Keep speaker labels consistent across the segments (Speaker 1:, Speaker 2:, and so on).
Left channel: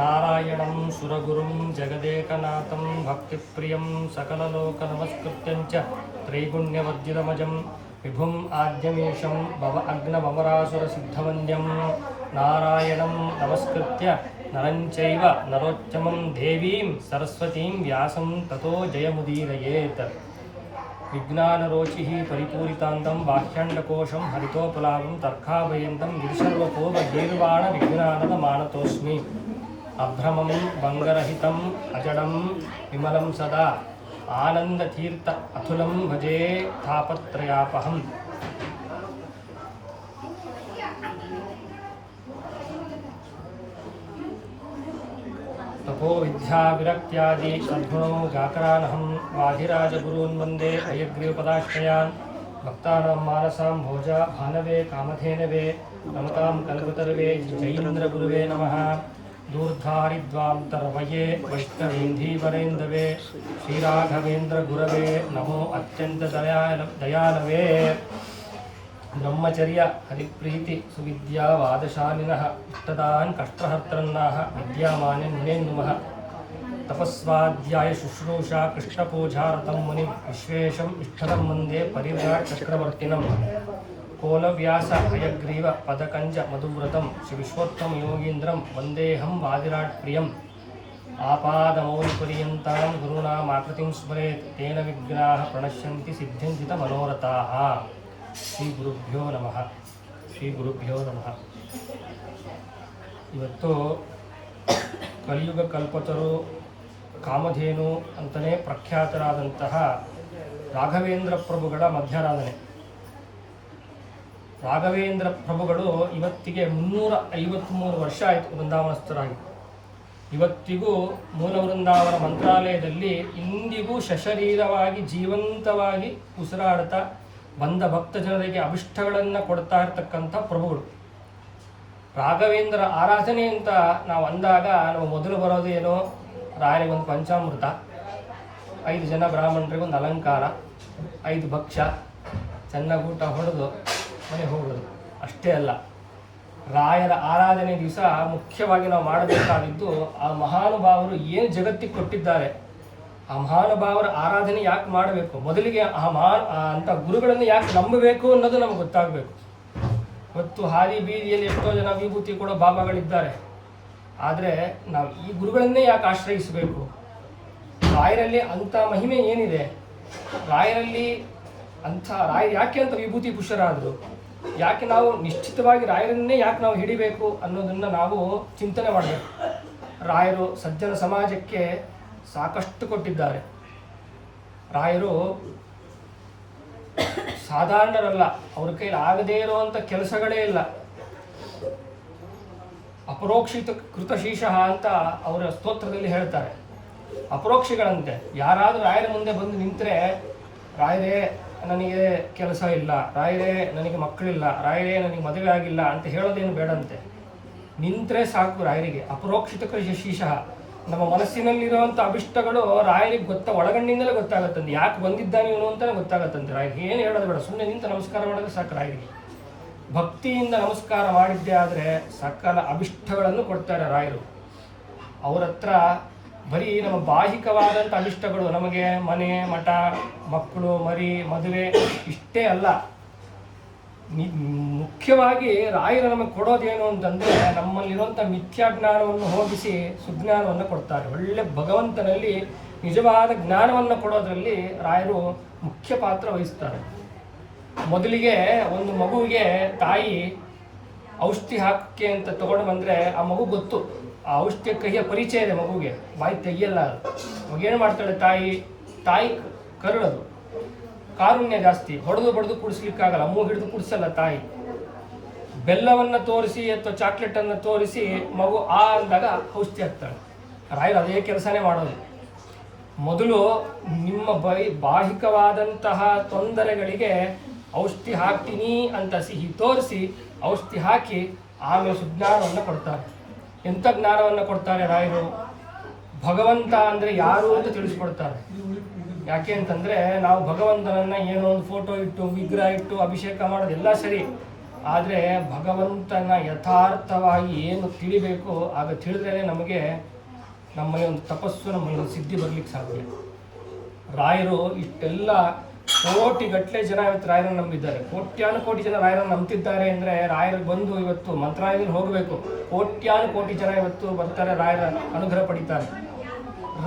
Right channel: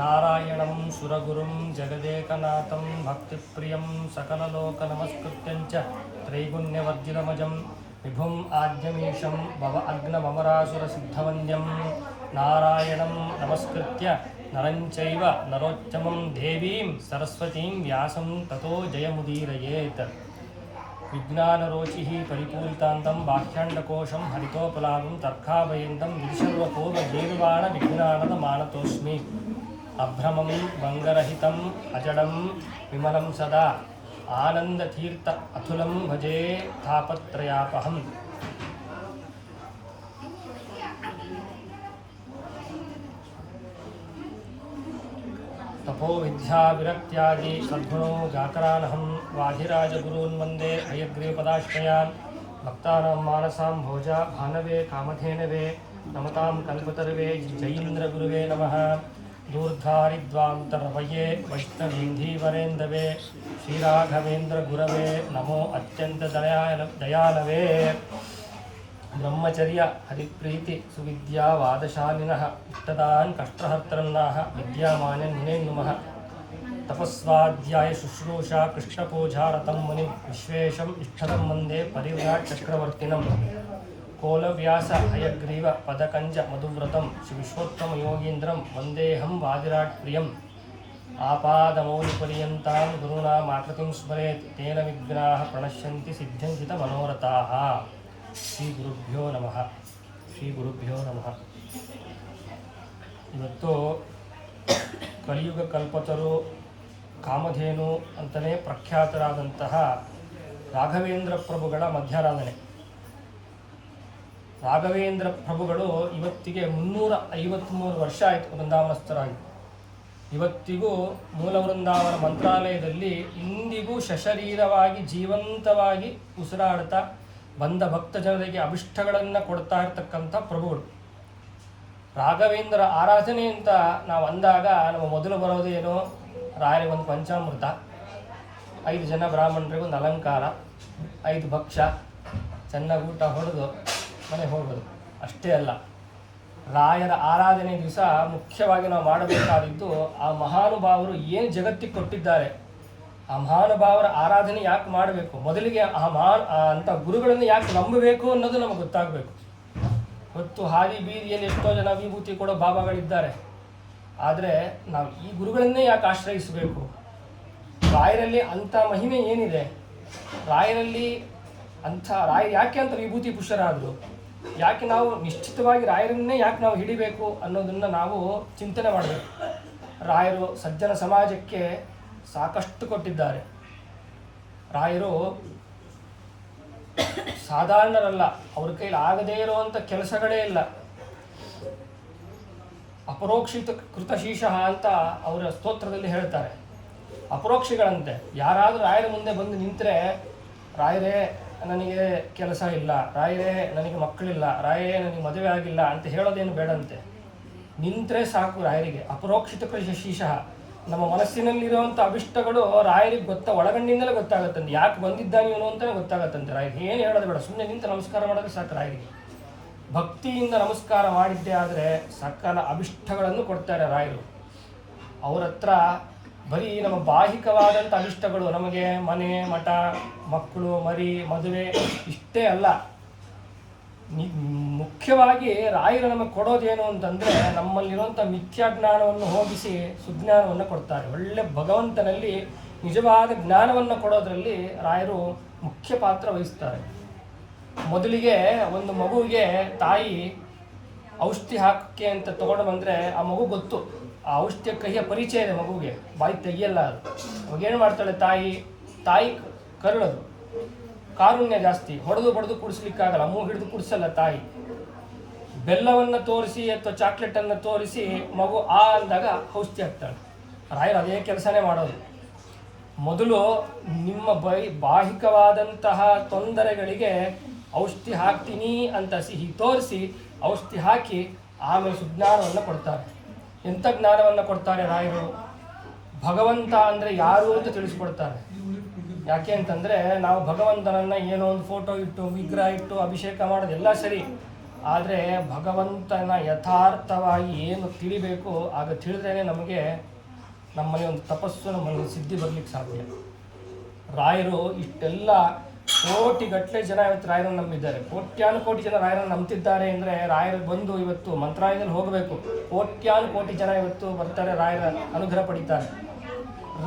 Speaker 1: నారాయణం సురగురుం జగదేకనాథం భక్తి ప్రియం చ త్రైగుణ్యవర్జితమజం విభుం ఆజ్ఞమీషం భవ అగ్నమమరాసురసిద్ధవంద్యం నారాయణం నమస్కృత్య నరంచైవ నరోత్తమం దేవీం సరస్వతీం వ్యాసం తతో జయముదీరయేత్. విజ్ఞానరోచి పరిపూరితాంతం బాహ్యాండకోశం హరితోపలాగం తర్కాభయంతం విశర్వపూర్వగేర్వాణ విజ్ఞానద మానతోస్మి अभ्रमं भङ्गरहितम् अजडं, विमलं सदा। आनन्दतीर्थ अतुलं भजे तापत्रयापहम्। तपो विद्याविरक्त्यादि सद्गुणो गाकरानहं वाधिराजगुरून् वंदे हयग्रीवपदाश्रयान् भक्तानां मानसां भोजा भानवे, कामधेनवे, नमतां कल्पतर्वे, जैन्द्रगुरुवे नमः। दूर्धारिद्वान्तर्वये वैष्णवीन्धीवरेन्दवे श्रीराघवेन्द्रगुरवे नमो अत्यन्तदयाल दयालवे। ब्रह्मचर्य हरिप्रीति सुविद्यावादशालिनः इष्टदान् कष्टहर्त्रन्नाः विद्यामान्यन् मुनेन्दुमः तपस्वाध्यायशुश्रूषा कृष्णपूजारतं मुनिं विश्वेशम् इष्टदं वंदे परिव्राट् चक्रवर्तिनम्। ಕೋಲವ್ಯಾಸ ಹಯಗ್ರೀವ ಪದಕಂಜ ಮಧುವ್ರತಂ ಶ್ರೀ ವಿಶ್ವೋತ್ತಮ ಯೋಗೀಂದ್ರಂ ವಂದೇಹಂ ವಾದಿರಾಟ್ ಪ್ರಿಯಂ. ಆಪಾದಮೌಲಿಪರ್ಯಂತಾಂ ಗುರುಣಾಮಾಕೃತಿಂ ಸ್ಮರೇತ್ ತೇನ ವಿಘ್ನಾಃ ಪ್ರಣಶ್ಯಂತಿ ಸಿದ್ಧಂಚಿತ ಮನೋರಥಾಃ. ಶ್ರೀ ಗುರುಭ್ಯೋ ನಮಃ. ಶ್ರೀ ಗುರುಭ್ಯೋ ನಮಃ. ಇವತ್ತು ಕಲಿಯುಗ ಕಲ್ಪತರು ಕಾಮಧೇನು ಅಂತಲೇ ಪ್ರಖ್ಯಾತರಾದಂತಹ ರಾಘವೇಂದ್ರ ಪ್ರಭುಗಳ ಮಧ್ಯಾರಾಧನೆ. ರಾಘವೇಂದ್ರ ಪ್ರಭುಗಳು ಇವತ್ತಿಗೆ ಮುನ್ನೂರ ಐವತ್ತ್ಮೂರು ವರ್ಷ ಆಯಿತು ವೃಂದಾವನಸ್ಥರಾಗಿ. ಇವತ್ತಿಗೂ ಮೂಲ ವೃಂದಾವನ ಮಂತ್ರಾಲಯದಲ್ಲಿ ಇಂದಿಗೂ ಸಶರೀರವಾಗಿ ಜೀವಂತವಾಗಿ ಉಸಿರಾಡ್ತಾ ಬಂದ ಭಕ್ತ ಜನರಿಗೆ ಅಭಿಷ್ಟಗಳನ್ನು ಕೊಡ್ತಾ ಇರತಕ್ಕಂಥ ಪ್ರಭುಗಳು. ರಾಘವೇಂದ್ರ ಆರಾಧನೆ ಅಂತ ನಾವು ಅಂದಾಗ ನಮ್ಮ ಮೊದಲು ಬರೋದು ಏನು? ರಾಯರಿಗೆ ಒಂದು ಪಂಚಾಮೃತ, ಐದು ಜನ ಬ್ರಾಹ್ಮಣರಿಗೆ ಒಂದು ಅಲಂಕಾರ, ಐದು ಭಕ್ಷ, ಚೆನ್ನಾಗಿ ಊಟ ಹೊಡೆದು ಮನೆ ಹೋಗೋದು. ಅಷ್ಟೇ ಅಲ್ಲ, ರಾಯರ ಆರಾಧನೆ ದಿವಸ ಮುಖ್ಯವಾಗಿ ನಾವು ಮಾಡಬೇಕಾದಿದ್ದು ಆ ಮಹಾನುಭಾವರು ಏನು ಜಗತ್ತಿಗೆ ಕೊಟ್ಟಿದ್ದಾರೆ, ಆ ಮಹಾನುಭಾವರ ಆರಾಧನೆ ಯಾಕೆ ಮಾಡಬೇಕು? ಮೊದಲಿಗೆ ಆ ಮಹಾನ್ ಅಂಥ ಗುರುಗಳನ್ನು ಯಾಕೆ ನಂಬಬೇಕು ಅನ್ನೋದು ನಮಗೆ ಗೊತ್ತಾಗಬೇಕು. ಗೊತ್ತು, ಹಾದಿ ಬೀದಿಯಲ್ಲಿ ಎಷ್ಟೋ ಜನ ವಿಭೂತಿ ಕೊಡೋ ಬಾಬಾಗಳಿದ್ದಾರೆ. ಆದರೆ ನಾವು ಈ ಗುರುಗಳನ್ನೇ ಯಾಕೆ ಆಶ್ರಯಿಸಬೇಕು? ರಾಯರಲ್ಲಿ ಅಂಥ ಮಹಿಮೆ ಏನಿದೆ? ರಾಯರಲ್ಲಿ ಅಂಥ ರಾಯ ಯಾಕೆ ಅಂತ ವಿಭೂತಿ ಪುರುಷರಾದರು? ಯಾಕೆ ನಾವು ನಿಶ್ಚಿತವಾಗಿ ರಾಯರನ್ನೇ ಯಾಕೆ ನಾವು ಹಿಡಿಬೇಕು ಅನ್ನೋದನ್ನು ನಾವು ಚಿಂತನೆ ಮಾಡಬೇಕು. ರಾಯರು ಸಜ್ಜನ ಸಮಾಜಕ್ಕೆ ಸಾಕಷ್ಟು ಕೊಟ್ಟಿದ್ದಾರೆ. ರಾಯರು ಸಾಧಾರಣರಲ್ಲ, ಅವ್ರ ಕೈಲಿ ಆಗದೇ ಇರುವಂಥ ಕೆಲಸಗಳೇ ಇಲ್ಲ. ಅಪರೋಕ್ಷಿತ ಕೃತಶೀಶಃ ಅಂತ ಅವರ ಸ್ತೋತ್ರದಲ್ಲಿ ಹೇಳ್ತಾರೆ. ಅಪರೋಕ್ಷಿಗಳಂತೆ. ಯಾರಾದರೂ ರಾಯರ ಮುಂದೆ ಬಂದು ನಿಂತರೆ ರಾಯರೇ ನನಗೆ ಕೆಲಸ ಇಲ್ಲ, ರಾಯರೇ ನನಗೆ ಮಕ್ಕಳಿಲ್ಲ, ರಾಯರೇ ನನಗೆ ಮದುವೆ ಆಗಿಲ್ಲ ಅಂತ ಹೇಳೋದೇನು ಬೇಡಂತೆ. ನಿಂತರೆ ಸಾಕು ರಾಯರಿಗೆ ಅಪರೋಕ್ಷಿತ ಶೀಶಃ ನಮ್ಮ ಮನಸ್ಸಿನಲ್ಲಿರುವಂಥ ಅಭಿಷ್ಟಗಳು ರಾಯರಿಗೆ ಗೊತ್ತ, ಒಳಗಣ್ಣಿಂದಲೇ ಗೊತ್ತಾಗತ್ತಂತೆ. ಯಾಕೆ ಬಂದಿದ್ದಾನೆ ಇವನು ಅಂತಲೇ ಗೊತ್ತಾಗತ್ತಂತೆ ರಾಯರಿಗೆ. ಏನು ಹೇಳೋದು ಬೇಡ ಸುಮ್ಮನೆ ನಿಂತು ನಮಸ್ಕಾರ ಮಾಡಿದ್ರೆ ಸಾಕು ರಾಯರಿಗೆ. ಭಕ್ತಿಯಿಂದ ನಮಸ್ಕಾರ ಮಾಡಿದ್ದೇ ಆದರೆ ಸಕಲ ಅಭಿಷ್ಟಗಳನ್ನು ಕೊಡ್ತಾರೆ ರಾಯರು. ಅವರತ್ರ ಬರೀ ನಮ್ಮ ಬಾಹಿಕವಾದಂಥ ಅನಿಷ್ಟಗಳು, ನಮಗೆ ಮನೆ, ಮಠ, ಮಕ್ಕಳು, ಮರಿ, ಮದುವೆ ಇಷ್ಟೇ ಅಲ್ಲ. ಮುಖ್ಯವಾಗಿ ರಾಯರು ನಮಗೆ ಕೊಡೋದೇನು ಅಂತಂದ್ರೆ ನಮ್ಮಲ್ಲಿರುವಂಥ ಮಿಥ್ಯಾಜ್ಞಾನವನ್ನು ಹೋಗಿಸಿ ಸುಜ್ಞಾನವನ್ನು ಕೊಡ್ತಾರೆ. ಒಳ್ಳೆ ಭಗವಂತನಲ್ಲಿ ನಿಜವಾದ ಜ್ಞಾನವನ್ನು ಕೊಡೋದರಲ್ಲಿ ರಾಯರು ಮುಖ್ಯ ಪಾತ್ರ ವಹಿಸ್ತಾರೆ. ಮೊದಲಿಗೆ ಒಂದು ಮಗುವಿಗೆ ತಾಯಿ ಔಷಧಿ ಹಾಕಕ್ಕೆ ಅಂತ ತಗೊಂಡು ಬಂದರೆ ಆ ಮಗು ಗೊತ್ತು. ಆ ಔಷಧಿಯ ಕಹಿಯ ಪರಿಚಯ ಇದೆ ಮಗುವಿಗೆ ಬಾಯಿ ತೆಗಿಯಲ್ಲ ಅದು ಮಗೇನು ಮಾಡ್ತಾಳೆ ತಾಯಿ? ತಾಯಿ ಕರುಳದು. ಕಾರುಣ್ಯ ಜಾಸ್ತಿ. ಹೊಡೆದು ಬಡ್ದು ಕುಡಿಸ್ಲಿಕ್ಕಾಗಲ್ಲ. ಅಮ್ಮ ಹಿಡಿದು ಕುಡಿಸಲ್ಲ ತಾಯಿ. ಬೆಲ್ಲವನ್ನು ತೋರಿಸಿ ಅಥವಾ ಚಾಕ್ಲೇಟ್ ಅನ್ನು ತೋರಿಸಿ ಮಗು ಆ ಅಂದಾಗ ಔಷಧಿ ಹಾಕ್ತಾಳೆ ರಾಯರು ಅದೇ ಕೆಲಸನೇ ಮಾಡೋದು. ಮೊದಲು ನಿಮ್ಮ ಬೈ ಬಾಹಿಕವಾದಂತಹ ತೊಂದರೆಗಳಿಗೆ ಔಷಧಿ ಹಾಕ್ತೀನಿ ಅಂತ ಸಿಹಿ ತೋರಿಸಿ ಔಷಧಿ ಹಾಕಿ ಆಮೇಲೆ ಸುಜ್ಞಾನವನ್ನು ಕೊಡ್ತಾರೆ. ಎಂಥ ಜ್ಞಾನವನ್ನು ಕೊಡ್ತಾರೆ ರಾಯರು? ಭಗವಂತ ಅಂದರೆ ಯಾರು ಅಂತ ತಿಳಿಸ್ಕೊಡ್ತಾರೆ. ಯಾಕೆ ಅಂತಂದ್ರೆ ನಾವು ಭಗವಂತನನ್ನ ಏನೋ ಒಂದು ಫೋಟೋ ಇಟ್ಟು, ವಿಗ್ರಹ ಇಟ್ಟು, ಅಭಿಷೇಕ ಮಾಡೋದು ಎಲ್ಲ ಸರಿ. ಆದರೆ ಭಗವಂತನ ಯಥಾರ್ಥವಾಗಿ ಏನು ತಿಳಿಬೇಕು, ಆಗ ತಿಳಿದ್ರೆ ನಮಗೆ ನಮ್ಮಲ್ಲಿ ಒಂದು ತಪಸ್ಸು, ನಮ್ಮಲ್ಲಿ ಒಂದು ಸಿದ್ಧಿ ಬರ್ಲಿಕ್ಕೆ ಸಾಧ್ಯ. ರಾಯರು ಇಷ್ಟೆಲ್ಲ ಕೋಟಿಗಟ್ಟಲೆ ಜನ ಇವತ್ತು ರಾಯರನ್ನು ನಂಬಿದ್ದಾರೆ. ಕೋಟ್ಯಾನು ಕೋಟಿ ಜನ ರಾಯರನ್ನು ನಂಬ್ತಿದ್ದಾರೆ ಅಂದರೆ ರಾಯರು ಬಂದು ಇವತ್ತು ಮಂತ್ರಾಲಯದಲ್ಲಿ ಹೋಗಬೇಕು. ಕೋಟ್ಯಾನು ಕೋಟಿ ಜನ ಇವತ್ತು ಬರ್ತಾರೆ ರಾಯರ ಅನುಗ್ರಹ ಪಡಿತಾರೆ.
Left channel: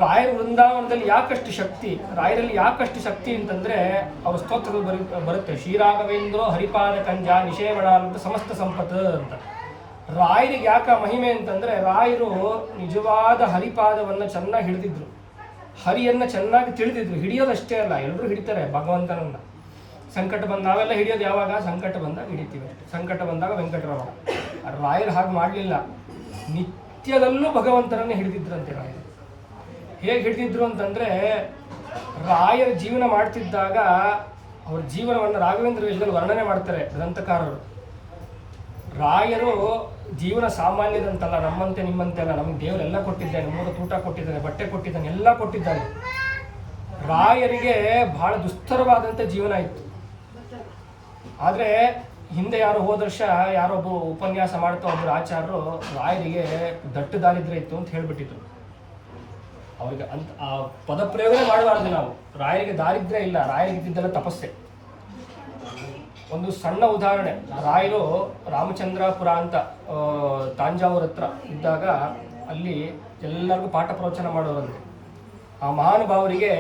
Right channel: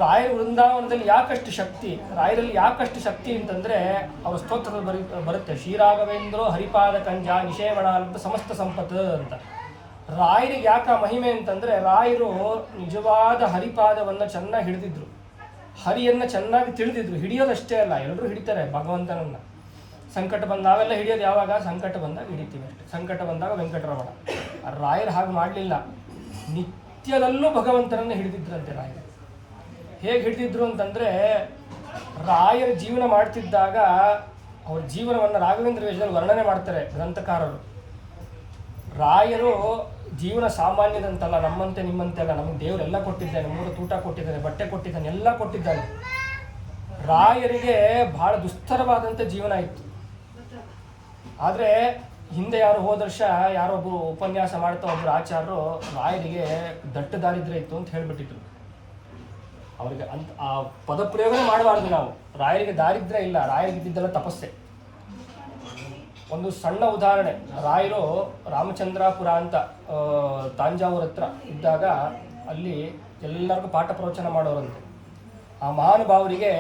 Speaker 1: ರಾಯರ ವೃಂದಾವನದಲ್ಲಿ ಯಾಕಷ್ಟು ಶಕ್ತಿ, ರಾಯರಲ್ಲಿ ಯಾಕಷ್ಟು ಶಕ್ತಿ ಅಂತಂದ್ರೆ ಅವರ ಸ್ತೋತ್ರಗಳು ಬರಿ, ಬರುತ್ತೆ. ಶ್ರೀರಾಘವೇಂದ್ರೋ ಹರಿಪಾದ ಕಂಜ ನಿಷೇವಣ ಅಂತ ಸಮಸ್ತ ಸಂಪತ್ತು ಅಂತ. ರಾಯರಿಗೆ ಯಾಕ ಮಹಿಮೆ ಅಂತಂದ್ರೆ ರಾಯರು ನಿಜವಾದ ಹರಿಪಾದವನ್ನ ಚೆನ್ನಾಗಿ ಹಿಡಿದಿದ್ರು. ಹರಿಯನ್ನ ಚೆನ್ನಾಗಿ ತಿಳಿದಿದ್ರು. ಹಿಡಿಯೋದಷ್ಟೇ ಅಲ್ಲ ಎಲ್ಲರೂ ಹಿಡಿತಾರೆ ಭಗವಂತನನ್ನ. ಸಂಕಟ ಬಂದ ನಾವೆಲ್ಲ ಹಿಡಿಯೋದು ಯಾವಾಗ? ಸಂಕಟ ಬಂದಾಗ ಹಿಡಿತೀವಿ ಅಷ್ಟೇ. ಸಂಕಟ ಬಂದಾಗ ವೆಂಕಟರಮಣ. ರಾಯರು ಹಾಗೆ ಮಾಡಲಿಲ್ಲ. ನಿತ್ಯದಲ್ಲೂ ಭಗವಂತನನ್ನ ಹಿಡಿದಿದ್ರಂತೆ ರಾಯರು. ಹೇಗೆ ಹಿಡಿದಿದ್ರು ಅಂತಂದ್ರೆ, ರಾಯರ ಜೀವನ ಮಾಡ್ತಿದ್ದಾಗ ಅವ್ರ ಜೀವನವನ್ನು ರಾಘವೇಂದ್ರ ವೇಷದಲ್ಲಿ ವರ್ಣನೆ ಮಾಡ್ತಾರೆ ಗ್ರಂಥಕಾರರು. ರಾಯರು ಜೀವನ ಸಾಮಾನ್ಯದಂತಲ್ಲ, ನಮ್ಮಂತೆ ನಿಮ್ಮಂತೆ ಅಲ್ಲ, ನಮಗೆ ದೇವರೆಲ್ಲ ಕೊಟ್ಟಿದ್ದಾನೆ ಮೂರು ತೂಟ ಕೊಟ್ಟಿದ್ದಾನೆ ಬಟ್ಟೆ ಕೊಟ್ಟಿದ್ದಾನೆ, ಎಲ್ಲ ಕೊಟ್ಟಿದ್ದಾನೆ. ರಾಯರಿಗೆ ಬಹಳ ದುಸ್ತರವಾದಂಥ ಜೀವನ ಇತ್ತು ಆದರೆ ಹಿಂದೆ ಯಾರು ಹೋದ ವರ್ಷ ಯಾರೊಬ್ಬ ಉಪನ್ಯಾಸ ಮಾಡ್ತಾ ಒಬ್ಬರು ಆಚಾರ್ಯರು ರಾಯರಿಗೆ ದಟ್ಟ ದಾರಿದ್ರೆ ಇತ್ತು ಅಂತ ಹೇಳ್ಬಿಟ್ಟಿದ್ರು. ಅವರಿಗೆ ಅಂತ ಆ ಪದ ಪ್ರಯೋಗನೇ ಮಾಡಬಾರ್ದು ನಾವು. ರಾಯರಿಗೆ ದಾರಿದ್ರೆ ಇಲ್ಲ ರಾಯರಿಗೆ ಇದ್ದಿದ್ದೆಲ್ಲ ತಪಸ್ಸೆ. ಒಂದು ಸಣ್ಣ ಉದಾಹರಣೆ. ರಾಯರು ರಾಮಚಂದ್ರಾಪುರ ಅಂತ ತಾಂಜಾವೂರ ಹತ್ರ ಇದ್ದಾಗ ಅಲ್ಲಿ ಎಲ್ಲರಿಗೂ ಪಾಠ ಪ್ರವಚನ ಮಾಡೋರಂತೆ. ಆ ಮಹಾನುಭಾವರಿಗೆ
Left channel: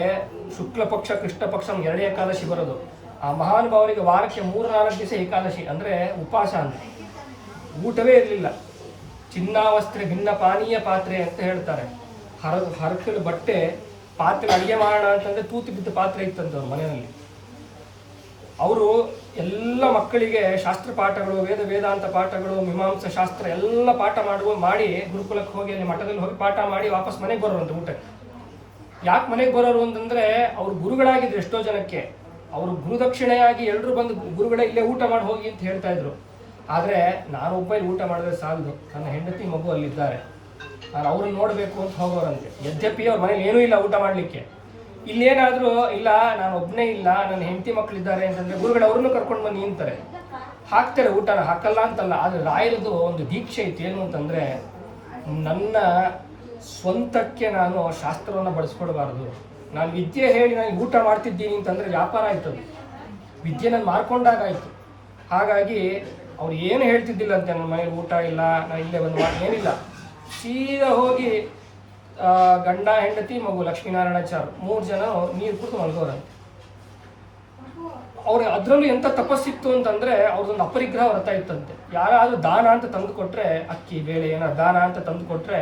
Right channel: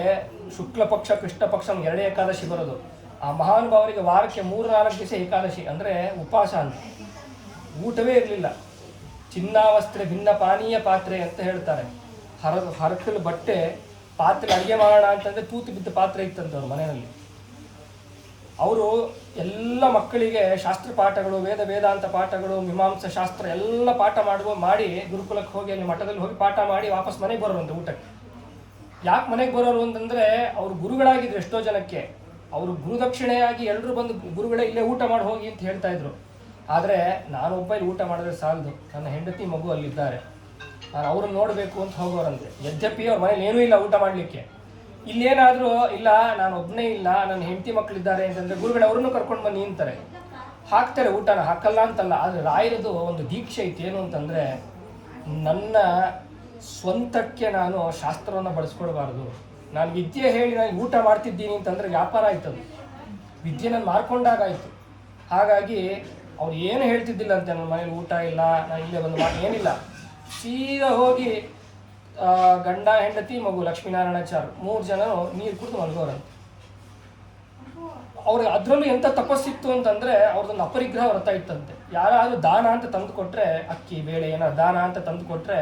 Speaker 1: ಶುಕ್ಲ ಪಕ್ಷ ಕೃಷ್ಣ ಪಕ್ಷ ಎರಡನೇ ಏಕಾದಶಿ ಬರೋದು. ಆ ಮಹಾನುಭಾವರಿಗೆ ವಾರಕ್ಕೆ ಮೂರು ನಾಲ್ಕು ದಿವಸ ಏಕಾದಶಿ ಅಂದರೆ ಉಪವಾಸ ಅಂತ. ಊಟವೇ ಇರಲಿಲ್ಲ. ಚಿನ್ನಾವಸ್ತ್ರೆ, ಭಿನ್ನ ಪಾನೀಯ ಪಾತ್ರೆ ಅಂತ ಹೇಳ್ತಾರೆ. ಹರ, ಹರಕಲು ಬಟ್ಟೆ ಪಾತ್ರೆ ಅಡುಗೆ ಮಾಡೋಣ ಅಂತಂದ್ರೆ ತೂತು ಬಿದ್ದ ಪಾತ್ರೆ ಇತ್ತಂತ ಅವ್ರ ಮನೆಯಲ್ಲಿ. ಅವರು ಎಲ್ಲ ಮಕ್ಕಳಿಗೆ ಶಾಸ್ತ್ರ ಪಾಠಗಳು, ವೇದ ವೇದಾಂತ ಪಾಠಗಳು, ಮೀಮಾಂಸ ಶಾಸ್ತ್ರ ಎಲ್ಲ ಪಾಠ ಮಾಡುವ ಮಾಡಿ ಗುರುಕುಲಕ್ಕೆ ಹೋಗಿ ಅಲ್ಲಿ ಮಠದಲ್ಲಿ ಹೋಗಿ ಪಾಠ ಮಾಡಿ ವಾಪಸ್ ಮನೆಗೆ ಬರೋರು ಅಂತ ಊಟಕ್ಕೆ. ಯಾಕೆ ಮನೆಗೆ ಬರೋರು ಅಂತಂದ್ರೆ ಅವ್ರು ಗುರುಗಳಾಗಿದ್ರು ಎಷ್ಟೋ ಜನಕ್ಕೆ. ಅವರು ಗುರುದಕ್ಷಿಣೆಯಾಗಿ ಎಲ್ಲರೂ ಬಂದು ಗುರುಗಳೇ ಇಲ್ಲೇ ಊಟ ಮಾಡಿ ಹೋಗಿ ಅಂತ ಹೇಳ್ತಾ ಇದ್ರು. ಆದರೆ ನಾನು ಒಬ್ಬ ಇಲ್ಲಿ ಊಟ ಮಾಡಿದ್ರೆ ಸಾಲದು. ನನ್ನ ಹೆಂಡತಿ ಮಗು ಅಲ್ಲಿದ್ದಾರೆ. ನಾನು ಅವ್ರನ್ನ ನೋಡಬೇಕು ಅಂತ ಹೋಗೋರಂತೆ. ಯದ್ಯಪಿ ಅವ್ರ ಮನೇಲಿ ಏನೂ ಇಲ್ಲ ಊಟ ಮಾಡಲಿಕ್ಕೆ. ಇಲ್ಲೇನಾದರೂ ಇಲ್ಲ, ನಾನು ಒಬ್ಬನೇ ಇಲ್ಲ, ನನ್ನ ಹೆಂಡತಿ ಮಕ್ಕಳಿದ್ದಾರೆ ಅಂತಂದ್ರೆ ಗುರುಗಳು ಅವ್ರನ್ನೂ ಕರ್ಕೊಂಡು ಬನ್ನಿ ಅಂತಾರೆ. ಹಾಕ್ತಾರೆ ಊಟನ ಹಾಕಲ್ಲ ಅಂತಲ್ಲ, ಆದರೆ ರಾಯರದು ಒಂದು ದೀಕ್ಷೆ ಐತೆ ಏನು ಅಂತಂದ್ರೆ ನನ್ನ ಸ್ವಂತಕ್ಕೆ ನಾನು ಶಾಸ್ತ್ರವನ್ನು ಬಳಸ್ಕೊಡ್ಬಾರ್ದು. ನಾನು ವಿದ್ಯೆ ಹೇಳಿ ನಾನು ಊಟ ಮಾಡ್ತಿದ್ದೀನಿ ಅಂತಂದ್ರೆ ವ್ಯಾಪಾರ ಆಯ್ತದು. ವಿದ್ಯೆ ನಾನು ಮಾರ್ಕೊಂಡಾಗಾಯ್ತು ಹಾಗಾಗಿ ಅವ್ರು ಏನು ಹೇಳ್ತಿದ್ದಿಲ್ಲ ಅಂತೆ, ನನ್ನ ಮನೇಲಿ ಊಟ ಇಲ್ಲ ನಾನು ಇಲ್ಲೇ ಬಂದು ಮಾಡಿ ಏನಿಲ್ಲ. ಸೀದಾ ಹೋಗಿ ಗಂಡ, ಹೆಂಡತಿ, ಮಗು ಲಕ್ಷ್ಮೀನಾರಾಯಣಾಚಾರ್ ಮೂರು ಜನ ನೀರು ಕುಡಿದು ಮಲ್ಗೋರಂತೆ. ಅವ್ರಿಗೆ ಅದರಲ್ಲೂ ಎಂಥ ತಪಸ್ಸಿತ್ತು ಅಂತಂದ್ರೆ ಅವ್ರದ್ದೊಂದು ಅಪರಿಗ್ರಹ ವ್ರತ ಇತ್ತಂತೆ. ಯಾರಾದರೂ ದಾನ ಅಂತ ತಂದು ಕೊಟ್ಟರೆ ಅಕ್ಕಿ, ಬೇಳೆ ಏನಾದ್ರು ದಾನ ಅಂತ ತಂದು ಕೊಟ್ಟರೆ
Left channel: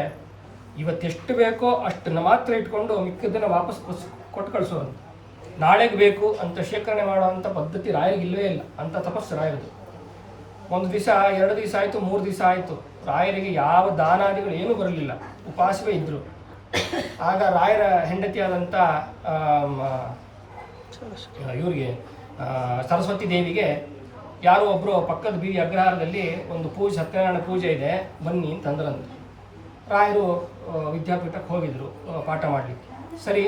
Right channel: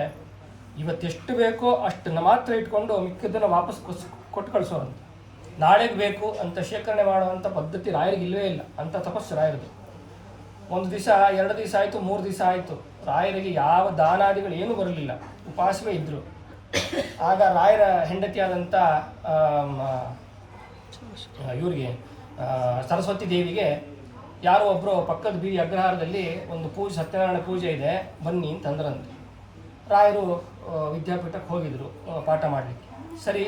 Speaker 1: ಇವತ್ತೆಷ್ಟು ಬೇಕೋ ಅಷ್ಟನ್ನ ಮಾತ್ರ ಇಟ್ಕೊಂಡು ಮಿಕ್ಕದನ್ನ ವಾಪಸ್ ಕೊಸ್ ಕೊಟ್ಟು ಕಳಿಸೋರಂತೆ ನಾಳೆಗೆ ಬೇಕು ಅಂತ ಶೇಖರಣೆ ಮಾಡುವಂಥ ಪದ್ಧತಿ ರಾಯರಿಗೆ ಇಲ್ಲವೇ ಇಲ್ಲ. ಅಂತ ತಪಸ್ಸು ರಾಯರದು. ಒಂದು ದಿವಸ, ಎರಡು ದಿವಸ ಆಯಿತು, ಮೂರು ದಿವಸ ಆಯಿತು. ರಾಯರಿಗೆ ಯಾವ ದಾನಾದಿಗಳು ಏನೂ ಬರಲಿಲ್ಲ. ಉಪವಾಸವೇ ಇದ್ದರು ಆಗ ರಾಯರ ಹೆಂಡತಿಯಾದಂಥ ಇವರಿಗೆ ಸರಸ್ವತಿ ದೇವಿಗೆ ಯಾರೋ ಒಬ್ಬರು ಪಕ್ಕದ ಬೀದಿ ಅಗ್ರಹಾರದಲ್ಲಿ ಒಂದು ಪೂಜೆ, ಸತ್ಯನಾರಾಯಣ ಪೂಜೆ ಇದೆ, ಬನ್ನಿ ಅಂತ ಅಂದ್ರಂತೆ. ರಾಯರು ವಿದ್ಯಾಪೀಠಕ್ಕೆ ಹೋಗಿದ್ರು ಪಾಠ ಮಾಡಲಿಕ್ಕೆ. ಸರಿ,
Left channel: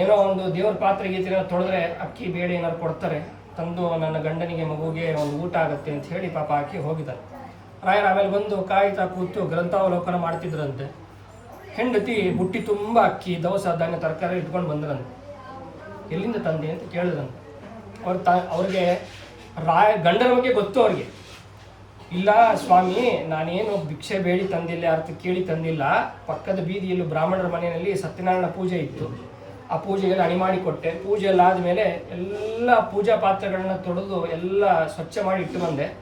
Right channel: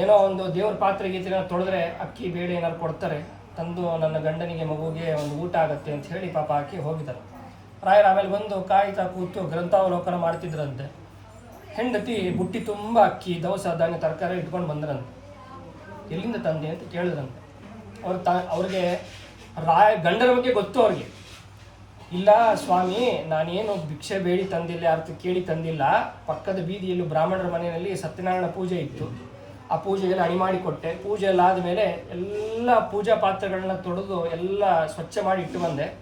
Speaker 1: ಏನೋ ಒಂದು ದೇವ್ರ ಪಾತ್ರೆ ಗೀತ್ರೆ ತೊಳೆದ್ರೆ ಅಕ್ಕಿ, ಬೇಳೆ ಏನಾದ್ರು ಕೊಡ್ತಾರೆ, ತಂದು ನನ್ನ ಗಂಡನಿಗೆ, ಮಗುಗೆ ಒಂದು ಊಟ ಆಗುತ್ತೆ ಅಂತ ಹೇಳಿ ಪಾಪ ಅಕ್ಕಿ ಹೋಗಿದ್ದಾರೆ ರಾಯರು ಆಮೇಲೆ ಬಂದು ಕಾಯ್ತಾ ಕೂತು ಗ್ರಂಥಾವಲೋಕನ ಮಾಡ್ತಿದ್ರಂತೆ. ಹೆಂಡತಿ ಬುಟ್ಟಿ ತುಂಬ ಅಕ್ಕಿ, ದವಸ, ಧಾನ್ಯ, ತರಕಾರಿ ಇಟ್ಕೊಂಡು ಬಂದ್ರಂತೆ. ಎಲ್ಲಿಂದ ತಂದೆ ಅಂತ ಕೇಳಿದ್ರಂತೆ. ಅವ್ರ ತ, ಅವ್ರಿಗೆ ರಾಯ, ಗಂಡರ ಬಗ್ಗೆ ಗೊತ್ತು ಅವ್ರಿಗೆ. ಇಲ್ಲ ಸ್ವಾಮಿ, ನಾನೇನು ಭಿಕ್ಷೆ ಬೇಡಿ ತಂದಿಲ್ಲ ಅರ್ಥ ಕೇಳಿ ತಂದಿಲ್ಲ. ಪಕ್ಕದ ಬೀದಿಯಲ್ಲೂ ಬ್ರಾಹ್ಮಣರ ಮನೆಯಲ್ಲಿ ಸತ್ಯನಾರಾಯಣ ಪೂಜೆ ಇತ್ತು. ಆ ಪೂಜೆಗೆಲ್ಲ ಅಣಿ ಮಾಡಿ ಕೊಟ್ಟೆ. ಪೂಜೆ ಎಲ್ಲ ಆದಮೇಲೆ ಎಲ್ಲ ಪೂಜಾ ಪಾತ್ರಗಳನ್ನ ತೊಳೆದು ಎಲ್ಲ ಸ್ವಚ್ಛ ಮಾಡಿ ಇಟ್ಟು ಬಂದೆ.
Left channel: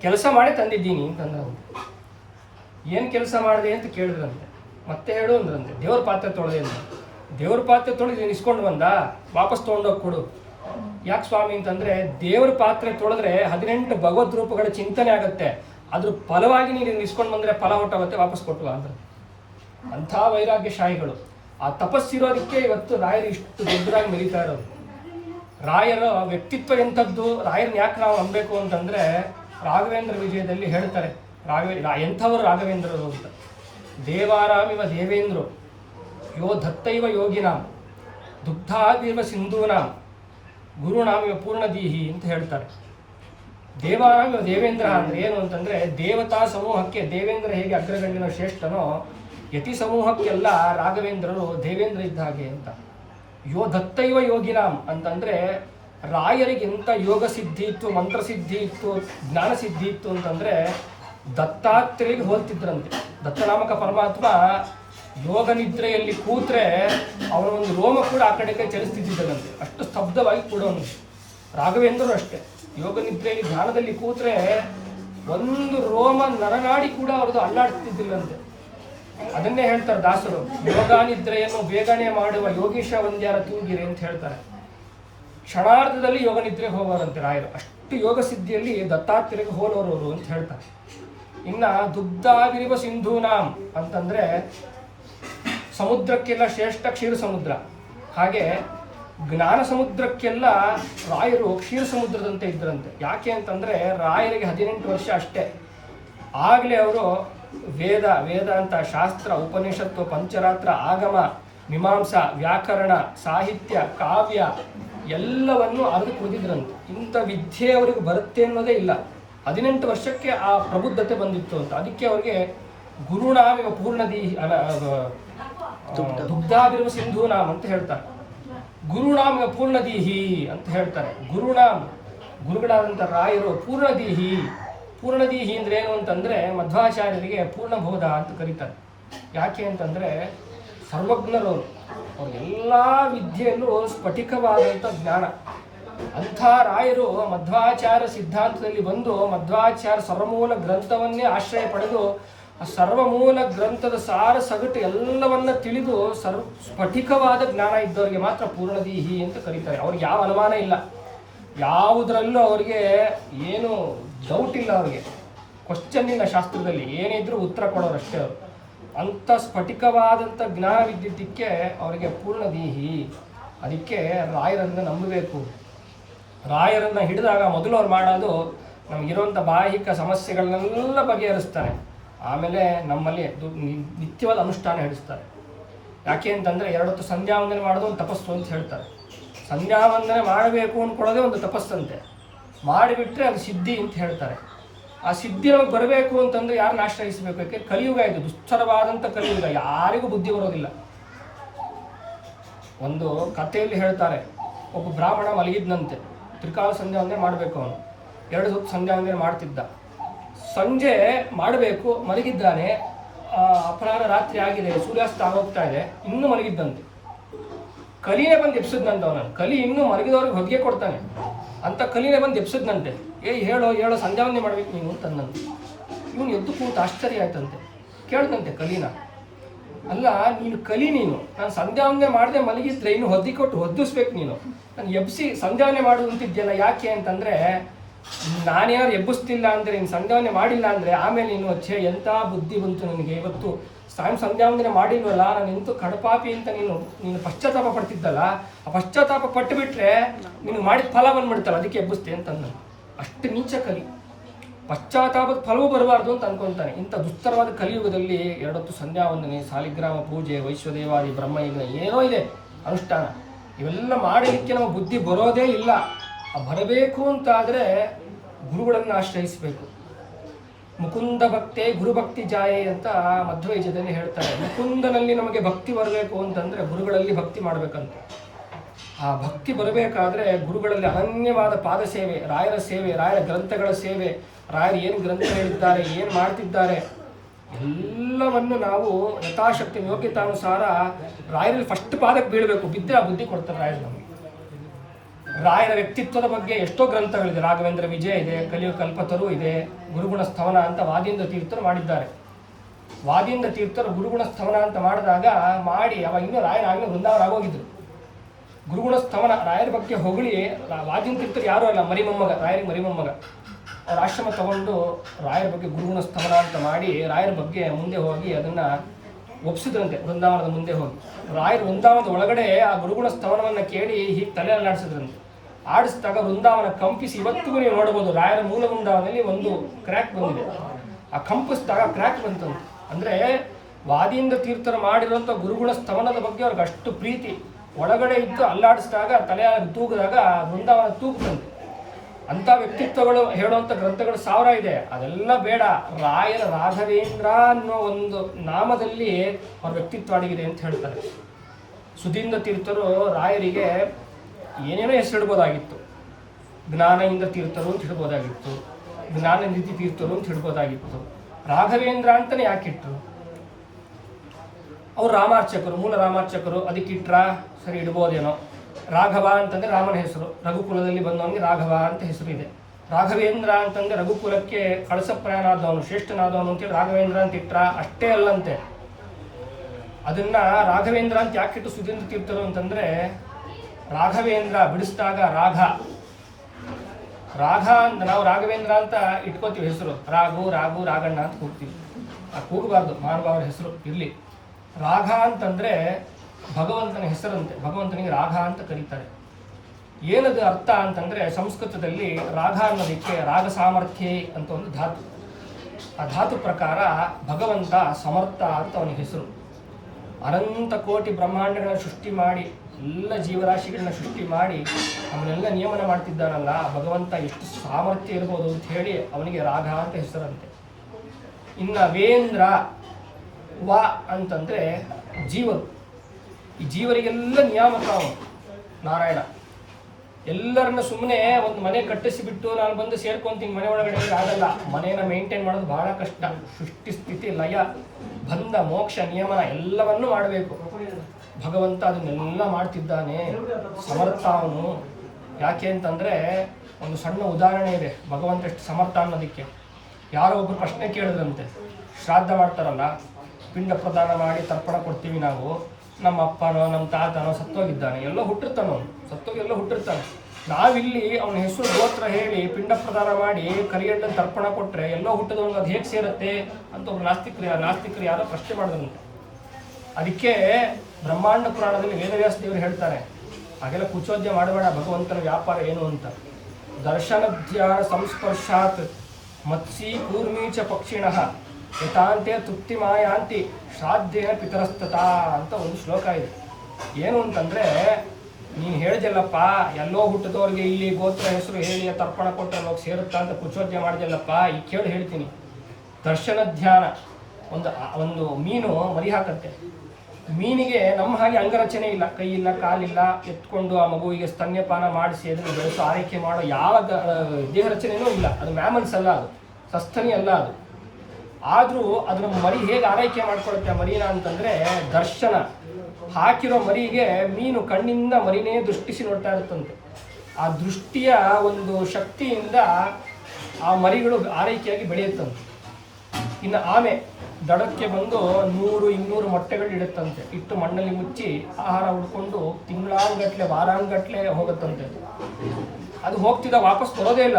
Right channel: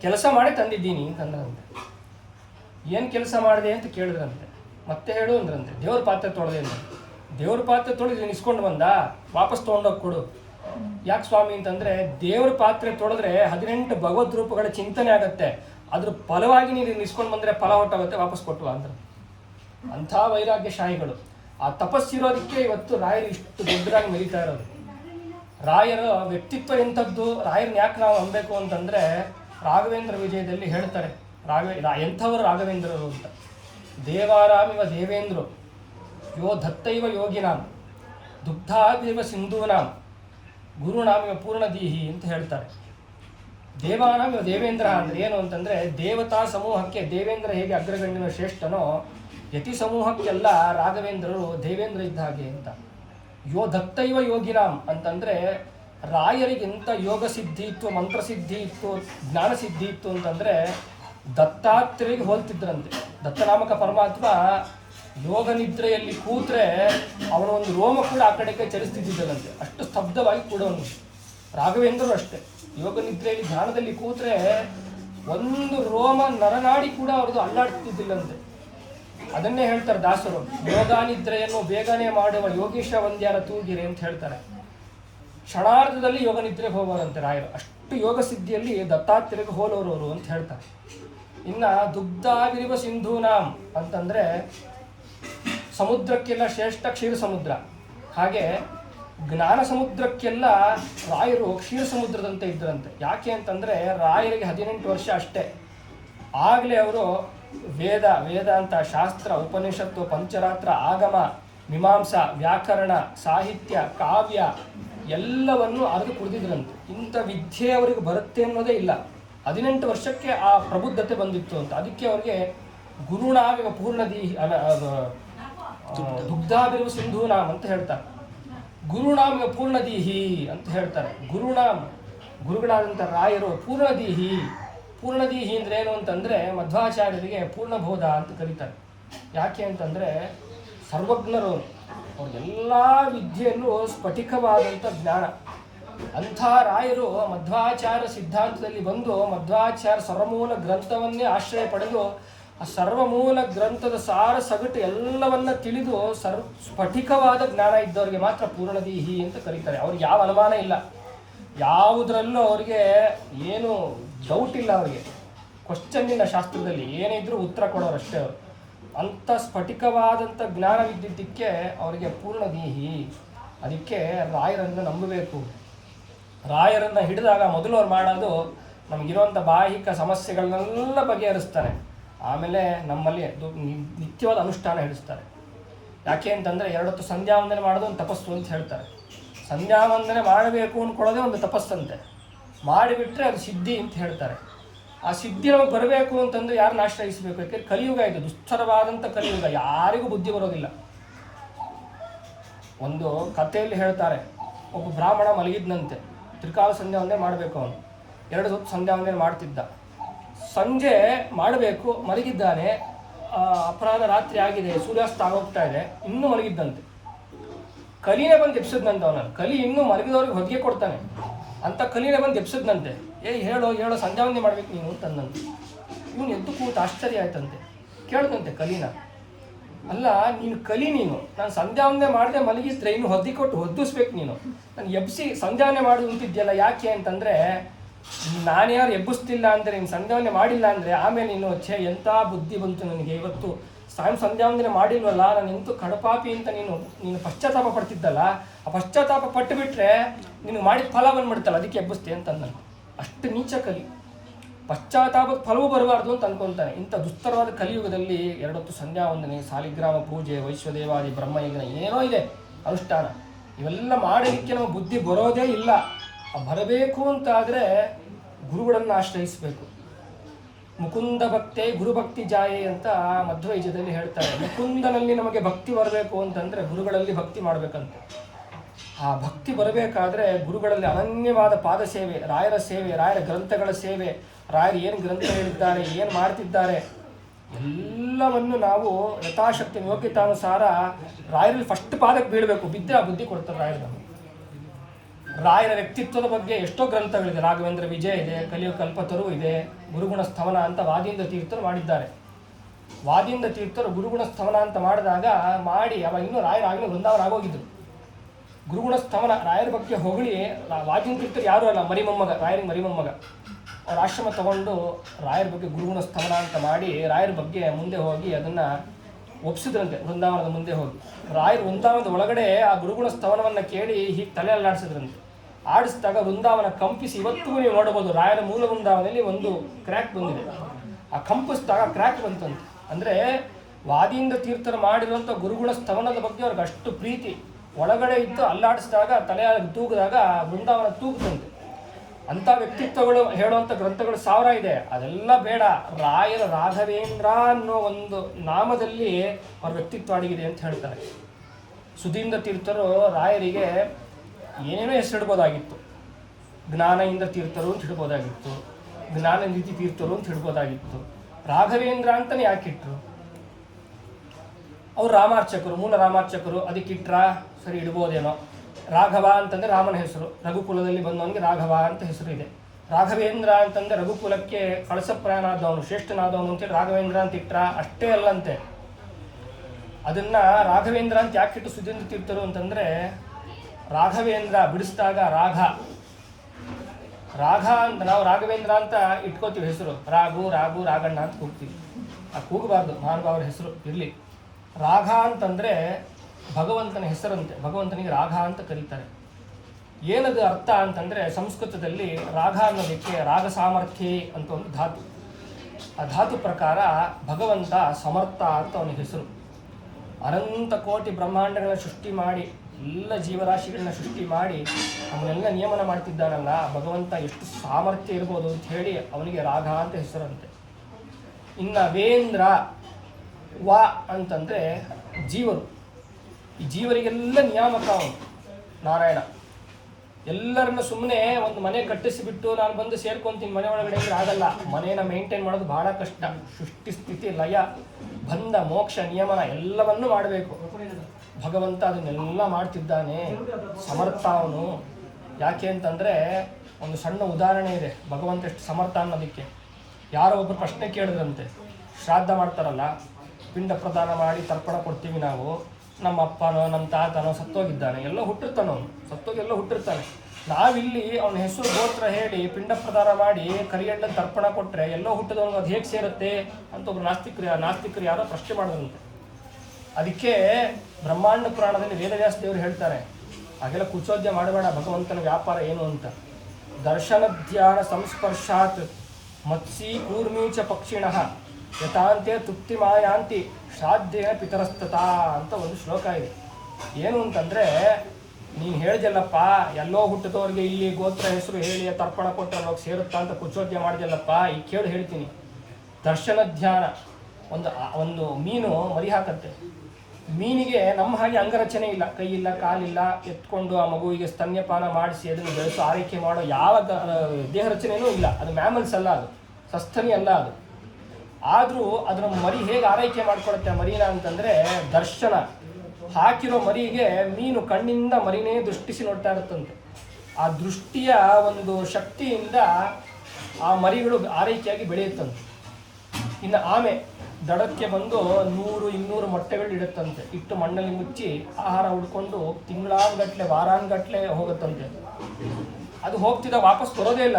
Speaker 1: ಕೆಲಸ ಮಾಡಿ ತಂದಿದ್ದೀನಿ ಅಂತಂದ್ರಂತೆ. ಏನು ಕೆಲಸ ಮಾಡಿದೆ ಅಂತ ಕೇಳಿದ್ರಂತೆ. ಮತ್ತೆ ಹೇಳು ಅಂದ್ರಂತೆ. ದೇವ್ರ ಪಾತ್ರೆ ತೊಳೆದೆ ಅಂದ್ರೆ. ದೇವ್ರ ಪಾತ್ರೆ ತೊಳೆದು ಇಸ್ಕೊಂಡು ಬಂದ, ವಾಪಸ್ ತೊಗೊಂಡೋಗಿ ಕೊಡು. ಯಾಕೆ ಸ್ವಾಮಿ ಅಂತಂದ್ರೆ, ದೇವ್ರ ಪಾತ್ರೆ ತೊಳೆದ್ರೆ ಹದಿನೆಂಟು ಭಗವದ್ ರೂಪಗಳ ಚಿಂತನೆ ಆಗುತ್ತೆ. ಅದ್ರ ಫಲವಾಗಿ ನೀನು ಇಸ್ಕೊಂಡು ಬಂದ್ರೆ ಫಲ ಹೊಟ್ಟಾಗುತ್ತೆ, ವಾಪಸ್ ಕೊಟ್ಟುವ ಅಂದ್ರೆ. ಅಂಥ ವೈರಾಗ್ಯಶಾಹಿಗಳು. ಆ ತಪಸ್ಸಿರೋದಕ್ಕೆ ಇವತ್ತು ರಾಯರು ಇಷ್ಟು ದೊಡ್ಡದಾಗಿ ಮೆರೀತಾ ಇರೋದು. ರಾಯರ ವ್ಯಕ್ತಿತ್ವ ಎಂಥದ್ದು, ರಾಯರನ್ನ ಯಾಕೆ ನಾವು ಅನ್ಬೇಕು ಅಂತಂದ್ರೆ, ರಾಘವೇಂದ್ರ ವಿಜಯದಲ್ಲಿ ಹೇಳ್ತಾರೆ. ರಾಘವೇ, ಎಂಥವರು ರಾಘವೇಂದ್ರರು ಅಂತ. ದೇವಾರಾಮಿವ ದೇವೇಂದ್ರ, ಯೋ ದತ್ತೈವ ಯೋಗಿನಾಂ ದುಗ್ಧಾದಿವ ಸಿಂಧೂನಾಂ ಗುರುನಾಮಿವ ಪೂರ್ಣದೀಹಿ ಅಂತ ಹೇಳ್ತಾರೆ. ದೇವಾರಾಮಿವ ದೇವೇಂದ್ರ ಅಂದ್ರೆ ಏನು ಅಂತಂದ್ರೆ ದೇವತಾ ಸಮೂಹಕ್ಕೆ ದೇವೇಂದ್ರ ಹೇಗೆ ಅಗ್ರಗಣ್ಯನ ಶ್ರೇಷ್ಠನೋ, ಯತಿ ಸಮೂಹಕ್ಕೆಲ್ಲ ರಾಘವೇಂದ್ರರು ದೇವೇಂದ್ರ ಇದ್ದ ಹಾಗೆ ಅಂತ. ಯೋ ದತ್ತೈವ ಯೋಗಿನಾಂ ಅಂತಂದ್ರೆ ರಾಯರಿಗೆ ಎಂತ ಯೋಗ ಸಿದ್ಧಿ ಇತ್ತು ಮಂತ್ರ ಸಿದ್ಧಿ ಇತ್ತು ಜ್ಞಾನ ಸಿದ್ಧಿ ಇತ್ತು ಅಂತಂದ್ರೆ ದತ್ತಾತ್ರೇಯರಿಗೆ ಹೋಲ್ತಿದ್ರಂತೆ. ದತ್ತನಾಮಕ ಪರಮಾತ್ಮ ಯೋಗ ನಿದ್ರೆಯಲ್ಲಿ ಕೂತ್ರೆ ಅವನ ಒಂದು ರೋಮ ಕೂಡ ಆ ಕಡೆಗೆ ಅಷ್ಟು ಸ್ತಬ್ಧವಾಗಿ ಕೂಡೋನು ರಾಘವೇಂದ್ರರು ಅಷ್ಟೇ. ಯೋಗ ನಿದ್ರೆಯಲ್ಲಿ ಧ್ಯಾನದಲ್ಲಿ ಕೂತ್ರೆ ಒಂದು ರೋಮ ನರನಾಡಿ ಕೂಡ ಅವ್ರದ್ದು ಅಲ್ಲಾಡ್ತಿದ್ದಿಲ್ಲಂತೆ. ಅದನ್ನೇ ಹೇಳ್ತಾರೆ ದಾಸರು. ಯೋಗ ನಿದ್ರೆಯನ್ನು ಬೇಗನೆ ಮಾಡುವ ಯೋಗೀಶ ವಂದ್ಯಾರ ತೂಗಿರಿ ಅಂತ ಹೇಳ್ತಾರೆ. ಕ್ಷಣಾರ್ಧದಲ್ಲಿ ಯೋಗ ನಿದ್ರೆಗೆ ಹೋಗೋರಂತೆ ರಾಯರು. ಅಷ್ಟು ಯೋಗ ಸಿದ್ಧಿಯಲ್ಲಿ ದತ್ತಾತ್ರೇಯಗೆ ಹೋಲೋರವರು ಅಂತ ಹೇಳ್ತಾರೆ. ಇನ್ನ ದುಗ್ಧಾವಿರಿವ ಸಿಂಧೂನಾಮ್ ಅಂತಂದ್ರೆ ಸಮುದ್ರಕ್ಕೆಲ್ಲ ಶ್ರೇಷ್ಠ ಕ್ಷೀರ ಸಮುದ್ರ ಹಾಗೆ ಜ್ಞಾನ ಸಮುದ್ರಕ್ಕೆಲ್ಲ ರಾಯರು ಕ್ಷೀರ ಸಮುದ್ರದಂತೆ ಇದ್ರಂತೆ ಯಾಕೆ ಅಂತಂದ್ರೆ ರಾಯರಿಗೆ ಹದಿನೆಂಟು ವರ್ಷ ಅಷ್ಟೇ. ಆಗಲೇ ಅವರು ವೇದ, ವೇದಾಂತ ಶಾಸ್ತ್ರ, ಉಪನಿಷತ್ತು, ಪಂಚರಾತ್ರ, ಆಗಮ, ಮೀಮಾಂಸಾ, ವ್ಯಾಕರಣ, ಸಾಹಿತ್ಯ, ಕಾವ್ಯ ಎಲ್ಲವನ್ನು ಅರಿದು ಕುಡಿದಿದ್ರಂತೆ. ಇಂಥ ವಿದ್ಯೆ ಅವರಿಗೆ ಬರುತ್ತೆ ಅನ್ನೋದೇ ಇಲ್ಲ. ಹದಿನೆಂಟು ವರ್ಷಕ್ಕೆ ಆ ಪ್ರಬುದ್ಧತೆ ಬಂದಿತ್ತು ಅಂತ. ಅದಕ್ಕೆ ಅವರಿಗೆ ಗುರುನಾಮಿವ ಪೂರ್ಣದಿ ಅಲ್ಲ ದುಗ್ಧಾಭಿರುವ ಸಿಂಧೂನಾಮ್ ಅಂತ ಹೇಳ್ತಾರೆ. ಗುರುನಾಮಿವ ಪೂರ್ಣದೀಹಿ ಅಂತ ಹೇಳ್ತಾರೆ. ಗುರುನಾಮ್ ಗುರುಗಳಾದಂಥ ರಾಯರು ಪೂರ್ಣದೀಹಿ. ಪೂರ್ಣದೀಹಿ ಅಂದ್ರೆ ಏನು ಅಂತಂದ್ರೆ ಮಧ್ವಾಚಾರ್ಯರಿಗೆ ಪೂರ್ಣಬೋಧ ಅಂತ ಕರೀತಾರೆ. ಯಾಕೆ ಅಂತಂದ್ರೆ ಸರ್ವಜ್ಞರು ಅವ್ರಿಗೆಲ್ಲ ವಿದ್ಯೆಯಲ್ಲೂ ಸ್ಫಟಿಕವಾದಂಥ ಜ್ಞಾನ. ಅಂಥ ರಾಯರು ಮಧ್ವಾಚಾರ ಸಿದ್ಧಾಂತದಲ್ಲಿ ಬಂದು ಮಧ್ವಾಚಾರ ಸರ್ವಮೂಲ ಗ್ರಂಥವನ್ನೇ ಆಶ್ರಯ ಪಡೆದು ಆ ಸರ್ವಮೂಲ ಗ್ರಂಥದ ಸಾರ ಸಗಟು ಎಲ್ಲವನ್ನ ತಿಳಿದು ಸರ್ವ ಸ್ಫಟಿಕವಾದ ಜ್ಞಾನ ಇದ್ದವರಿಗೆ ಮಾತ್ರ ಪೂರ್ಣದೀಹಿ ಅಂತ ಕರೀತಾರೆ. ಅವ್ರಿಗೆ ಯಾವ ಅನುಮಾನ ಇಲ್ಲ. ಯಾವುದರಲ್ಲೂ ಅವರಿಗೆ ಏನು ಡೌಟ್ ಇಲ್ಲ ಅವರಿಗೆ. ಇಲ್ಲ ಶಾಸ್ತ್ರದಲ್ಲಿ. ಏನೇ ಇದ್ರೂ ಉತ್ತರ ಕೊಡೋರು ಅಷ್ಟೇ ಅವರು. ಅಂಥ ಸ್ಫಟಿಕವಾದಂಥ ಜ್ಞಾನವಿದ್ದಿದ್ದಕ್ಕೆ ಅವರಿಗೆ ಪೂರ್ಣದೀಹಿ. ಅದಕ್ಕೆ ರಾಯರನ್ನು ನಂಬಬೇಕು. ರಾಯರನ್ನ ಹಿಡಿದಾಗ ಮೊದಲು ಅವ್ರು ಮಾಡೋದು ನಮಗಿರುವಂಥ ಬಾಹಿಕ ಸಮಸ್ಯೆಗಳನ್ನೆಲ್ಲ ಬಗೆಹರಿಸ್ತಾರೆ. ಆಮೇಲೆ ನಮ್ಮಲ್ಲಿ ನಿತ್ಯವಾದ ಅನುಷ್ಠಾನ ಹಿಡಿಸ್ತಾರೆ ಯಾಕೆ ಅಂತಂದರೆ ಎರಡೊತ್ತು ಸಂಧ್ಯಾ ವಂದನೆ ಮಾಡೋದು ಒಂದು ತಪಸ್ಸು ಅಂತ ಹೇಳ್ತಾರೆ. ಸಂಧ್ಯಾ ವಂದನೆ ಮಾಡಬೇಕು ಅಂದ್ಕೊಳ್ಳೋದೇ ಒಂದು ತಪಸ್ಸಂತೆ. ಮಾಡಿಬಿಟ್ರೆ ಅದು ಸಿದ್ಧಿ ಅಂತ ಹೇಳ್ತಾರೆ. ಆ ಸಿದ್ಧಿ ನಮಗೆ ಬರಬೇಕು ಅಂತಂದ್ರೆ ಯಾರನ್ನ ಆಶ್ರಯಿಸಬೇಕು? ಯಾಕೆ? ಕಲಿಯುಗ ಇದು ದುಸ್ತರವಾದಂಥ ಕಲಿಯುಗ. ಯಾರಿಗೂ ಬುದ್ಧಿ ಬರೋದಿಲ್ಲ. ಒಂದು ಕಥೆಯಲ್ಲಿ ಹೇಳ್ತಾರೆ, ಒಬ್ಬ ಬ್ರಾಹ್ಮಣ ಮಲಗಿದ್ನಂತೆ. ತ್ರಿಕಾಲ ಸಂಧ್ಯಾ ವಂದನೆ ಮಾಡಬೇಕು ಅವನು. ಎರಡು ಸಂಧ್ಯಾ ವಂದನೆ ಮಾಡ್ತಿದ್ದ. ಸಂಜೆ ಮಾಡಬೇಕು, ಮಲಗಿದ್ದಾನೆ. ಅಪರಾಧ ರಾತ್ರಿ ಆಗಿದೆ, ಸೂರ್ಯಾಸ್ತ ಆಗೋಗ್ತಾ ಇದೆ, ಇನ್ನೂ ಮಲಗಿದ್ದಂತೆ. ಕಲಿನೇ ಬಂದು ಎಪ್ಸಿದ್ನಂತೆ ಅವನನ್ನು. ಕಲಿ ಇನ್ನೂ ಮಲಗಿದವ್ರಿಗೆ ಹೊಗೆ ಕೊಡ್ತಾನೆ. ಅಂತ ಕಲಿನೇ ಬಂದು ಎಪ್ಸಿದ್ನಂತೆ ಏ, ಹೇಳೋ ಹೇಳೋ, ಸಂಧ್ಯಾ ವಂದನೆ ಮಾಡ್ಬೇಕು ನೀನು ಅಂತಂದಂತೆ ಇವನು ಎದ್ದು ಕೂತು ಆಶ್ಚರ್ಯ ಆಯ್ತಂತೆ. ಕೇಳ್ದಂತೆ ಕಲಿನ. ಅಲ್ಲ, ನೀನು ಕಲಿ ನೀನು. ನಾನು ಸಂಧ್ಯಾವನೆ ಮಾಡದೆ ಮಲಗಿದ್ರೆ ಇನ್ನು ಹೊದ್ದಿ ಕೊಟ್ಟು ಹೊದ್ದಿಸ್ಬೇಕು ನೀನು. ನಾನು ಎಬ್ಸಿ ಸಂಧ್ಯಾವನೆ ಮಾಡು ಅಂತಿದ್ಯಲ್ಲ ಯಾಕೆ ಅಂತಂದ್ರೆ, ನಾನೇನಾದ್ರು ಎಬ್ಬಿಸ್ತಿಲ್ಲ ಅಂದರೆ, ನೀನು ಸಂಧ್ಯಾವನೆ ಮಾಡಿಲ್ಲ ಅಂದ್ರೆ, ಆಮೇಲೆ ನೀನು ಛೇ ಎಂಥ ಬುದ್ಧಿ ಬಂತು ನನಗೆ ಇವತ್ತು? ಸಾಯಂ ಸಂಧ್ಯಾವಂದನೆ ಮಾಡಿಲ್ವಲ್ಲ, ನಾನು ಎಂತೂ ಕಡಪಾಪಿ ಅಂತ ನೀನು ನೀನು ಪಶ್ಚಾತ್ತಾಪ ಪಡ್ತಿದ್ದಲ್ಲ, ಆ ಪಶ್ಚಾತ್ತಾಪ ಪಟ್ಟು ನೀನು ಮಾಡಿದ ಫಲ ಬಂದ್ಬಿಡ್ತಲ್ಲ, ಅದಕ್ಕೆ ಎಬ್ಬಿಸ್ತೆ ಅಂತ ಅಂದನು ಅಷ್ಟು ನೀಚ ಕಲಿ. ಪಶ್ಚಾತ್ತಾಪದ ಫಲವೂ ಬರಬಾರ್ದು ಅಂತ ಅನ್ಕೊಂತಾನೆ. ಇಂಥ ದುಸ್ತರವಾದ ಕಲಿಯುಗದಲ್ಲಿ ಎರಡೊತ್ತು ಸಂಧ್ಯಾ ವಂದನೆ, ಸಾಲಿಗ್ರಾಮ ಪೂಜೆ, ವೈಶ್ವದೇವಾದಿ ಬ್ರಹ್ಮಯಜ್ಞ ಏನೋ ಇದೆ ಅನುಷ್ಠಾನ. ಇವೆಲ್ಲ ಮಾಡಲಿಕ್ಕೆ ನಮ್ಮ ಬುದ್ಧಿ ಬರೋದೇ ಇಲ್ಲ. ಬರಬೇಕು ಅಂತಾದರೆ ಗುರುಗಳನ್ನು ಆಶ್ರಯಿಸಬೇಕು. ಮುಕುಂದ ಭಕ್ತೆ ಗುರುಭಕ್ತಿ ಜಾಯೆ ಅಂತ ಮಧ್ವೈಜದಲ್ಲಿ ಹೇಳ್ತಾರೆ. ಮುಕುಂದನಲ್ಲಿ ನಮಗೆ ಭಕ್ತಿ ಬರಬೇಕು ಅಂತಂದ್ರೆ ಗುರುಗಳಲ್ಲಿ ಭಕ್ತಿ ಮಾಡಬೇಕಂತೆ. ಆ ಭಕ್ತಿ ಬರಬೇಕಾದ್ರೆ ಗುರುಗಳಲ್ಲಿ ಅನನ್ಯವಾದ ಪಾದ ಸೇವೆ, ರಾಯರ ಸೇವೆ, ರಾಯರ ಗ್ರಂಥಗಳ ಸೇವೆ, ರಾಯರು ಏನು ಗ್ರಂಥ ಹೇಳಿದ್ದಾರೆ, ಏನು ಮಾಡ್ತಿದ್ದಾರೆ, ಎಲ್ಲವನ್ನು ನಾವು ಯಥಾಶಕ್ತಿ, ಯೋಗ್ಯತಾನುಸಾರ ರಾಯರಲ್ಲಿ ಫಸ್ಟ್ ಪಾದಕ್ಕೆ ಬೀಳಬೇಕು. ಬಿದ್ದ ಬುದ್ಧಿ ಕೊಡ್ತಾರೆ ರಾಯರು ನಮಗೆ. ರಾಯರ ವ್ಯಕ್ತಿತ್ವದ ಬಗ್ಗೆ ಎಷ್ಟೋ ಗ್ರಂಥಗಳಿದೆ. ರಾಘವೇಂದ್ರ ವಿಜಯ ಇದೆ, ಕಲಿಯು ಕಲ್ಪತರು ಇದೆ, ಗುರುಗುಣ ಸ್ತವನ ಅಂತ ವಾದಿಯಿಂದ ತೀರ್ಥರು ಮಾಡಿದ್ದಾರೆ. ವಾದಿಯಿಂದ ತೀರ್ಥರು ಗುರುಗುಣ ಸ್ತವನ ಅಂತ ಮಾಡಿದಾಗ ಮಾಡಿ, ಅವ ಇನ್ನೂ ರಾಯರಾಗಲಿ ವೃಂದಾವನ ಆಗೋಗಿದ್ರು. ಗುರುಗುಣ ಸ್ತವನ ರಾಯರ ಬಗ್ಗೆ ಹೊಗಳಿ ವಾಜಿನ ತಿರ್ತರು ಯಾರು ಅಲ್ಲ, ಮರಿಮೊಮ್ಮಗ, ರಾಯರಿ ಮರಿಮೊಮ್ಮಗ. ಅವ್ರ ಆಶ್ರಮ ತಗೊಂಡು ರಾಯರ ಬಗ್ಗೆ ಗುರುಗುಣ ಸ್ತವನ ಅಂತ ಮಾಡಿ ರಾಯರ ಬಗ್ಗೆ ಮುಂದೆ ಹೋಗಿ ಅದನ್ನ ಒಪ್ಸಿದ್ರಂತೆ, ವೃಂದಾವನದ ಮುಂದೆ ಹೋಗಿ. ರಾಯರು ವೃಂದಾವನದ ಒಳಗಡೆ ಆ ಗುರುಗುಣ ಸ್ತವನವನ್ನ ಕೇಳಿ ಹೀಗೆ ತಲೆ ಆಡಿಸಿದ್ರಂತೆ ಆಡಿಸಿದಾಗ ವೃಂದಾವನ ಕಂಪಿಸಿ ಇವತ್ತಿಗೂ ನೀವು ನೋಡಬಹುದು ರಾಯರ ಮೂಲ ವೃಂದಾವನದಲ್ಲಿ ಒಂದು ಕ್ರ್ಯಾಕ್ ಬಂದಿದೆ. ಆ ಕಂಪಿಸಿದಾಗ ಕ್ರ್ಯಾಕ್ ಬಂತಂತೆ. ಅಂದ್ರೆ ವಾದಿಯಿಂದ ತೀರ್ಥರು ಮಾಡಿರುವಂಥ ಗುರುಗುಣ ಸ್ತವನದ ಬಗ್ಗೆ ಅವ್ರಿಗೆ ಅಷ್ಟು ಪ್ರೀತಿ. ಒಳಗಡೆ ಇದ್ದು ಅಲ್ಲಾಡಿಸಿದಾಗ, ತಲೆ ತೂಗಿದಾಗ ವೃಂದಾವನ ತೂಗುತ್ತಂತೆ. ಅಂತ ವ್ಯಕ್ತಿತ್ವಗಳು ಹೇಳುವಂಥ ಗ್ರಂಥಗಳು ಸಾವಿರ ಇದೆ. ಅದೆಲ್ಲ ಬೇಡ. ರಾಯರ ರಾಘವೇಂದ್ರ ಅನ್ನೋ ಒಂದು ನಾಮದಲ್ಲಿ ಅವ್ರ ವ್ಯಕ್ತಿತ್ವ ಅಡಗಿದೆ ಅಂತ ಹೇಳ್ತಾರೆ. ಸುಧೀಂದ್ರ ತೀರ್ಥರು ರಾಯರಿಗೆ ಏನೇನೋ ಹೆಸರಿಡ್ಬೋದಾಗಿತ್ತು. ಜ್ಞಾನಯಿಂದ ತೀರ್ಥರು ಅಂತ ಹಿಡ್ಬೋದಾಗಿತ್ತು ಜ್ಞಾನ ನಿಧಿ ತೀರ್ಥರು ಅಂತ ಹಿಡ್ಬೋದಾಗಿತ್ತು ರಾಘವೇಂದ್ರ ಅಂತಾನೆ ಯಾಕಿಟ್ರು? ಅವ್ರು ರಾಮಾರ್ಚಕರು, ಮೂಲ ರಾಮಾರ್ಚಕರು, ಅದಕ್ಕೆ ಇಟ್ರ ಸರಿ ಇಡ್ಬೋದೇನೋ. ರಾಘವ ಅಂತಂದ್ರೆ ರಾಮನ ಹೆಸರು. ರಘುಕುಲದಲ್ಲಿ ಬಂದವನಿಗೆ ರಾಘವ ಅಂತ ಹೆಸರು ಇದೆ. ರಾಘವೇಂದ್ರ ಅಂತಂದ್ರೆ ರಘುಕುಲಕ್ಕೆ ಕಳಸಪ್ರಾಯನಾದವನು, ಶ್ರೇಷ್ಠನಾದವನು ಅಂತೇಳಿ ರಾಘವೇಂದ್ರ ಅಂತ ಇಟ್ರ ಅಷ್ಟೇ ಅಲ್ಲಂತೆ. ಅದನ್ನ ರಾಘವೇಂದ್ರ ಅಂತ ಯಾಕೆ ಇಟ್ಟು ಸುಧೀಂದ್ರ ತೀರ್ಥರು ಅಂತಂದ್ರೆ, ರಾಘವೇಂದ್ರ ಬಿಡಿಸಿದಾಗ ರಾಘ. ರಾಘ ಅಂತ ನಾವು ರಾಘವೇಂದ್ರ ಅಂತ ಇಟ್ಕೋತೀವಿ ಹೆಸರು. ರಾಘು ರಾಘು, ರಾಘಣ್ಣ ಅಂತ ಕೂಗ್ತೀವಿ. ಆ ಕೂಗಬಾರ್ದು. ಅವರ ಹೆಸರು. ಇರಲಿ. ರಾಘ ಅಂತಂದ್ರೆ ಭಗವಂತನ ಹೆಸರಂತೆ. ಭಗವಂತನಿಗೆ ರಾಘ ಅಂತ ಕರೀತಾರೆ. ಏನದು ಅರ್ಥ ಅಂತಂದ್ರೆ ಸಂಸ್ಕೃತದಲ್ಲಿ ರಾಘ ಅನ್ನೋದಕ್ಕೆ ರಾಗ ಸಾಮರ್ಥ್ಯ ಅಂತ ಒಂದು ಧಾತು. ಆ ಧಾತು ಪ್ರಕಾರ ಭಗವಂತ ಸಮರ್ಥ ಅಂತ ಅವನ ಹೆಸರು. ಅನಂತ ಕೋಟಿ ಬ್ರಹ್ಮಾಂಡಗಳನ್ನ ಸೃಷ್ಟಿ ಮಾಡಿ, ಎಲ್ಲ ಜೀವರಾಶಿಗಳನ್ನ ಸೃಷ್ಟಿ ಮಾಡಿ ಅವನ್ನೆಲ್ಲ ನಿಯಮನ ಮಾಡ್ತಿದ್ದಾನಲ್ಲ, ಭಗವಂತ ಎಷ್ಟು ಸಾಮರ್ಥ್ಯ ಇರ್ಬೋದು ಅಂತ ಹೇಳಿ ಅವನಿಗೆ ರಾಘ ಅಂತ ಹೆಸರಂತೆ. ಇನ್ನು ವೇಂದ್ರ ವ ಅಂತಂದ್ರೆ ಜೀವರು. ಈ ಜೀವರಿಗೆಲ್ಲ ನಿಯಾಮಕ ಅವನು, ನಾರಾಯಣ. ಎಲ್ಲರನ್ನ ಸುಮ್ಮನೆ ಒಂದು ಮನೆ ಕಟ್ಟಿಸಿಬಿಟ್ಟು ನಾನು ಬಂದು ಸೇರ್ಕೊಂತೀನಿ, ಮನೆ ಒಳಗಡೆ ಅಂದ್ರೆ ಆಗಲ್ಲ. ಮನೆಯನ್ನ ಮೇಂಟೈನ್ ಮಾಡೋದು ಬಹಳ ಕಷ್ಟ. ಸೃಷ್ಟಿ, ಸ್ಥಿತಿ, ಲಯ, ಬಂಧ, ಮೋಕ್ಷ, ನಿಯಮನ ಎಲ್ಲವನ್ನೂ ಮಾಡಬೇಕು. ಭಗವಂತ ಅದನ್ನೆಲ್ಲ ಮಾಡ್ತಿದ್ದಾನೆ. ಸಮರ್ಥ ಅವನು. ಯಾಕೆ ಅಂತಂದ್ರೆ ಒಂದು ಸಣ್ಣ ಉದಾಹರಣೆ ಇದೆ. ಭಗವಂತ ಎಷ್ಟು ಸಮರ್ಥ ಅನ್ನೋದಕ್ಕೆ. ಯಾರೋ ಒಬ್ರು ಪ್ರಶ್ನೆ ಕೇಳಿದ್ರಂತೆ. ಶ್ರಾದ್ದ ಮಾಡ್ತಾರಲ್ಲ ಪಿಂಡ ಪ್ರದಾನ ಮಾಡಿ ತರ್ಪಣ ಕೊಡ್ತೀವಿ ನಾವು. ನಮ್ಮ ಅಪ್ಪನೋ, ನಮ್ಮ ತಾತನೋ ಸತ್ತೋಗಿದ್ದಾನೆ. ಎಲ್ಲೋ ಹುಟ್ಟಿರ್ತಾನೆ ಅವನು. ಸತ್ತೋಗಿ ಎಲ್ಲೋ ಹುಟ್ಟಿರ್ತಾನೆ. ನಾವಿಲ್ಲಿ ಅವನ ಹೆಸರು ಗೋತ್ರ ಹೇಳಿ ಪಿಂಡ ಪ್ರದಾನ ಮಾಡಿ ಕರಿಯಣ್ಣ ತರ್ಪಣ ಕೊಟ್ರೆ ಎಲ್ಲೋ ಹುಟ್ಟಿದವನಿಗೆ ಅದು ಹೇಗೆ ಸೇರುತ್ತೆ ಅಂತ ಒಬ್ಬ ನಾಸ್ತಿಕರು ನಾಸ್ತಿಕರು ಯಾರೋ ಪ್ರಶ್ನೆ ಮಾಡಿದ್ರಂತೆ. ಅದಕ್ಕೆ ಬ್ರಹ್ಮಾಂಡ ಪುರಾಣದಲ್ಲಿ ವೇದವ್ಯಾಸ ದೇವರು ಹೇಳ್ತಾರೆ, ಹಾಗೆಲ್ಲ ಕುಚೋದ್ಯ ಮಾಡಬೇಡ, ಭಗವಂತನ ವ್ಯಾಪಾರ ಏನು ಅಂತ. ದರ್ಶನ ಧ್ಯಾನ ಸಂಸ್ಪರ್ಶಾತ್ ಮತ್ಸಿ ಕೂರ್ಮೀಚ ಪಕ್ಷಿಣಃ. ಯಥಾಂತೆ ತೃಪ್ತಿ ಮಾಯಾಂತಿ ಶ್ರಾದ್ದೇನ ಪಿತರಸ್ತತಾ ಅಂತ ಒಂದು ಶ್ಲೋಕ ಇದೆ. ಏನು ಅಂತಂದ್ರೆ, ನೀನು ಹೇಳಿದೆಲ್ಲಪ್ಪ, ಎಲ್ಲೋ ಹುಟ್ಟಿದವ್ರಿಗೆ ಇಲ್ಲಿ ಗೋತ್ರ ಹೆಸರು ಹೇಳಿ ತರ್ಪಣ ಕೊಟ್ಟರೆ ಅವಾಗ ಸೇರುತ್ತಾ ಅಂತ ಕುಚೋದ್ಯ ಮಾಡಿದಲ್ಲಪ್ಪ, ಈ ಕೇಳಿ ಹೇಳ್ತೀನಿ. ದರ್ಶನ ಧ್ಯಾನ ಒಂದು ಒಂದು ಮೀನು ಮರಿ ಹಾಕತ್ತೆ ಮೀನಿಗೆ ನಮ್ಮ ಹಾಗೆ ಅಂಗರಚನೆ ಇಲ್ಲ ಕೈ ಇಲ್ಲ ಕಾಲಿಲ್ಲ, ಎತ್ಕೊಂಡು ಆ ಮಗುವಿಗೆ ಸ್ತನ್ಯಪಾನ ಮಾಡಿಸಿ ಅದನ್ನು ಬೆಳೆಸೋ, ಆರೈಕೆ ಮಾಡೋ ಯಾವ ದೇಹ ರಚನೆಯೂ ಇಲ್ಲ. ಅದು ಮ್ಯಾಮಲ್ಸ್ ಅಲ್ಲ ಅದು, ಸಸ್ತನಿ ಅಲ್ಲ ಅದು. ಆದರೂ ಅದರ ಮರಿ ಹೇಗೆ ಆರೈಕೆ ಮಾಡ್ಕೊಡುತ್ತೆ ಮರಿನ ಅಂತಂದ್ರೆ ದರ್ಶನ ಹಾಕಿರೋ ಮರಿಗೆ ಮೀನು ಕಣ್ಣಿಂದ ಮರಿನೇ ದೃಷ್ಟಿಸಿ ನೋಡ್ತಾ ಇರುತ್ತಂತೆ ಆ ದೃಷ್ಟಿಯ ಒಂದು ಶಕ್ತಿಯಿಂದ ಆ ಮರಿಗಳು ಆರೈಕೆಯಾಗಿ ಬೆಳೆಯುತ್ತಂತೆ ಇನ್ನು ಆಮೆ ದಡಕ್ಕೆ ಬಂದು ನೂರು, ಇನ್ನೂರು ಮೊಟ್ಟೆಗಳು ಇಡುತ್ತಂತೆ ಇಟ್ಟು ಮಣ್ಣಲ್ಲಿ ಮುಚ್ಚಿ ಆಹಾರ ಹುಡ್ಕೊಂಡು ತಿಂಗಳಾನ್ಗಟ್ಲೆ ವಾರಾನ್ಗಟ್ಲೆ ಹೋಗುತ್ತಂತೆ ಅದು. ಹೋಗ್ತಿದ್ದ ವಾಪಸ್ ಬರೋದೇ ಇಲ್ಲ.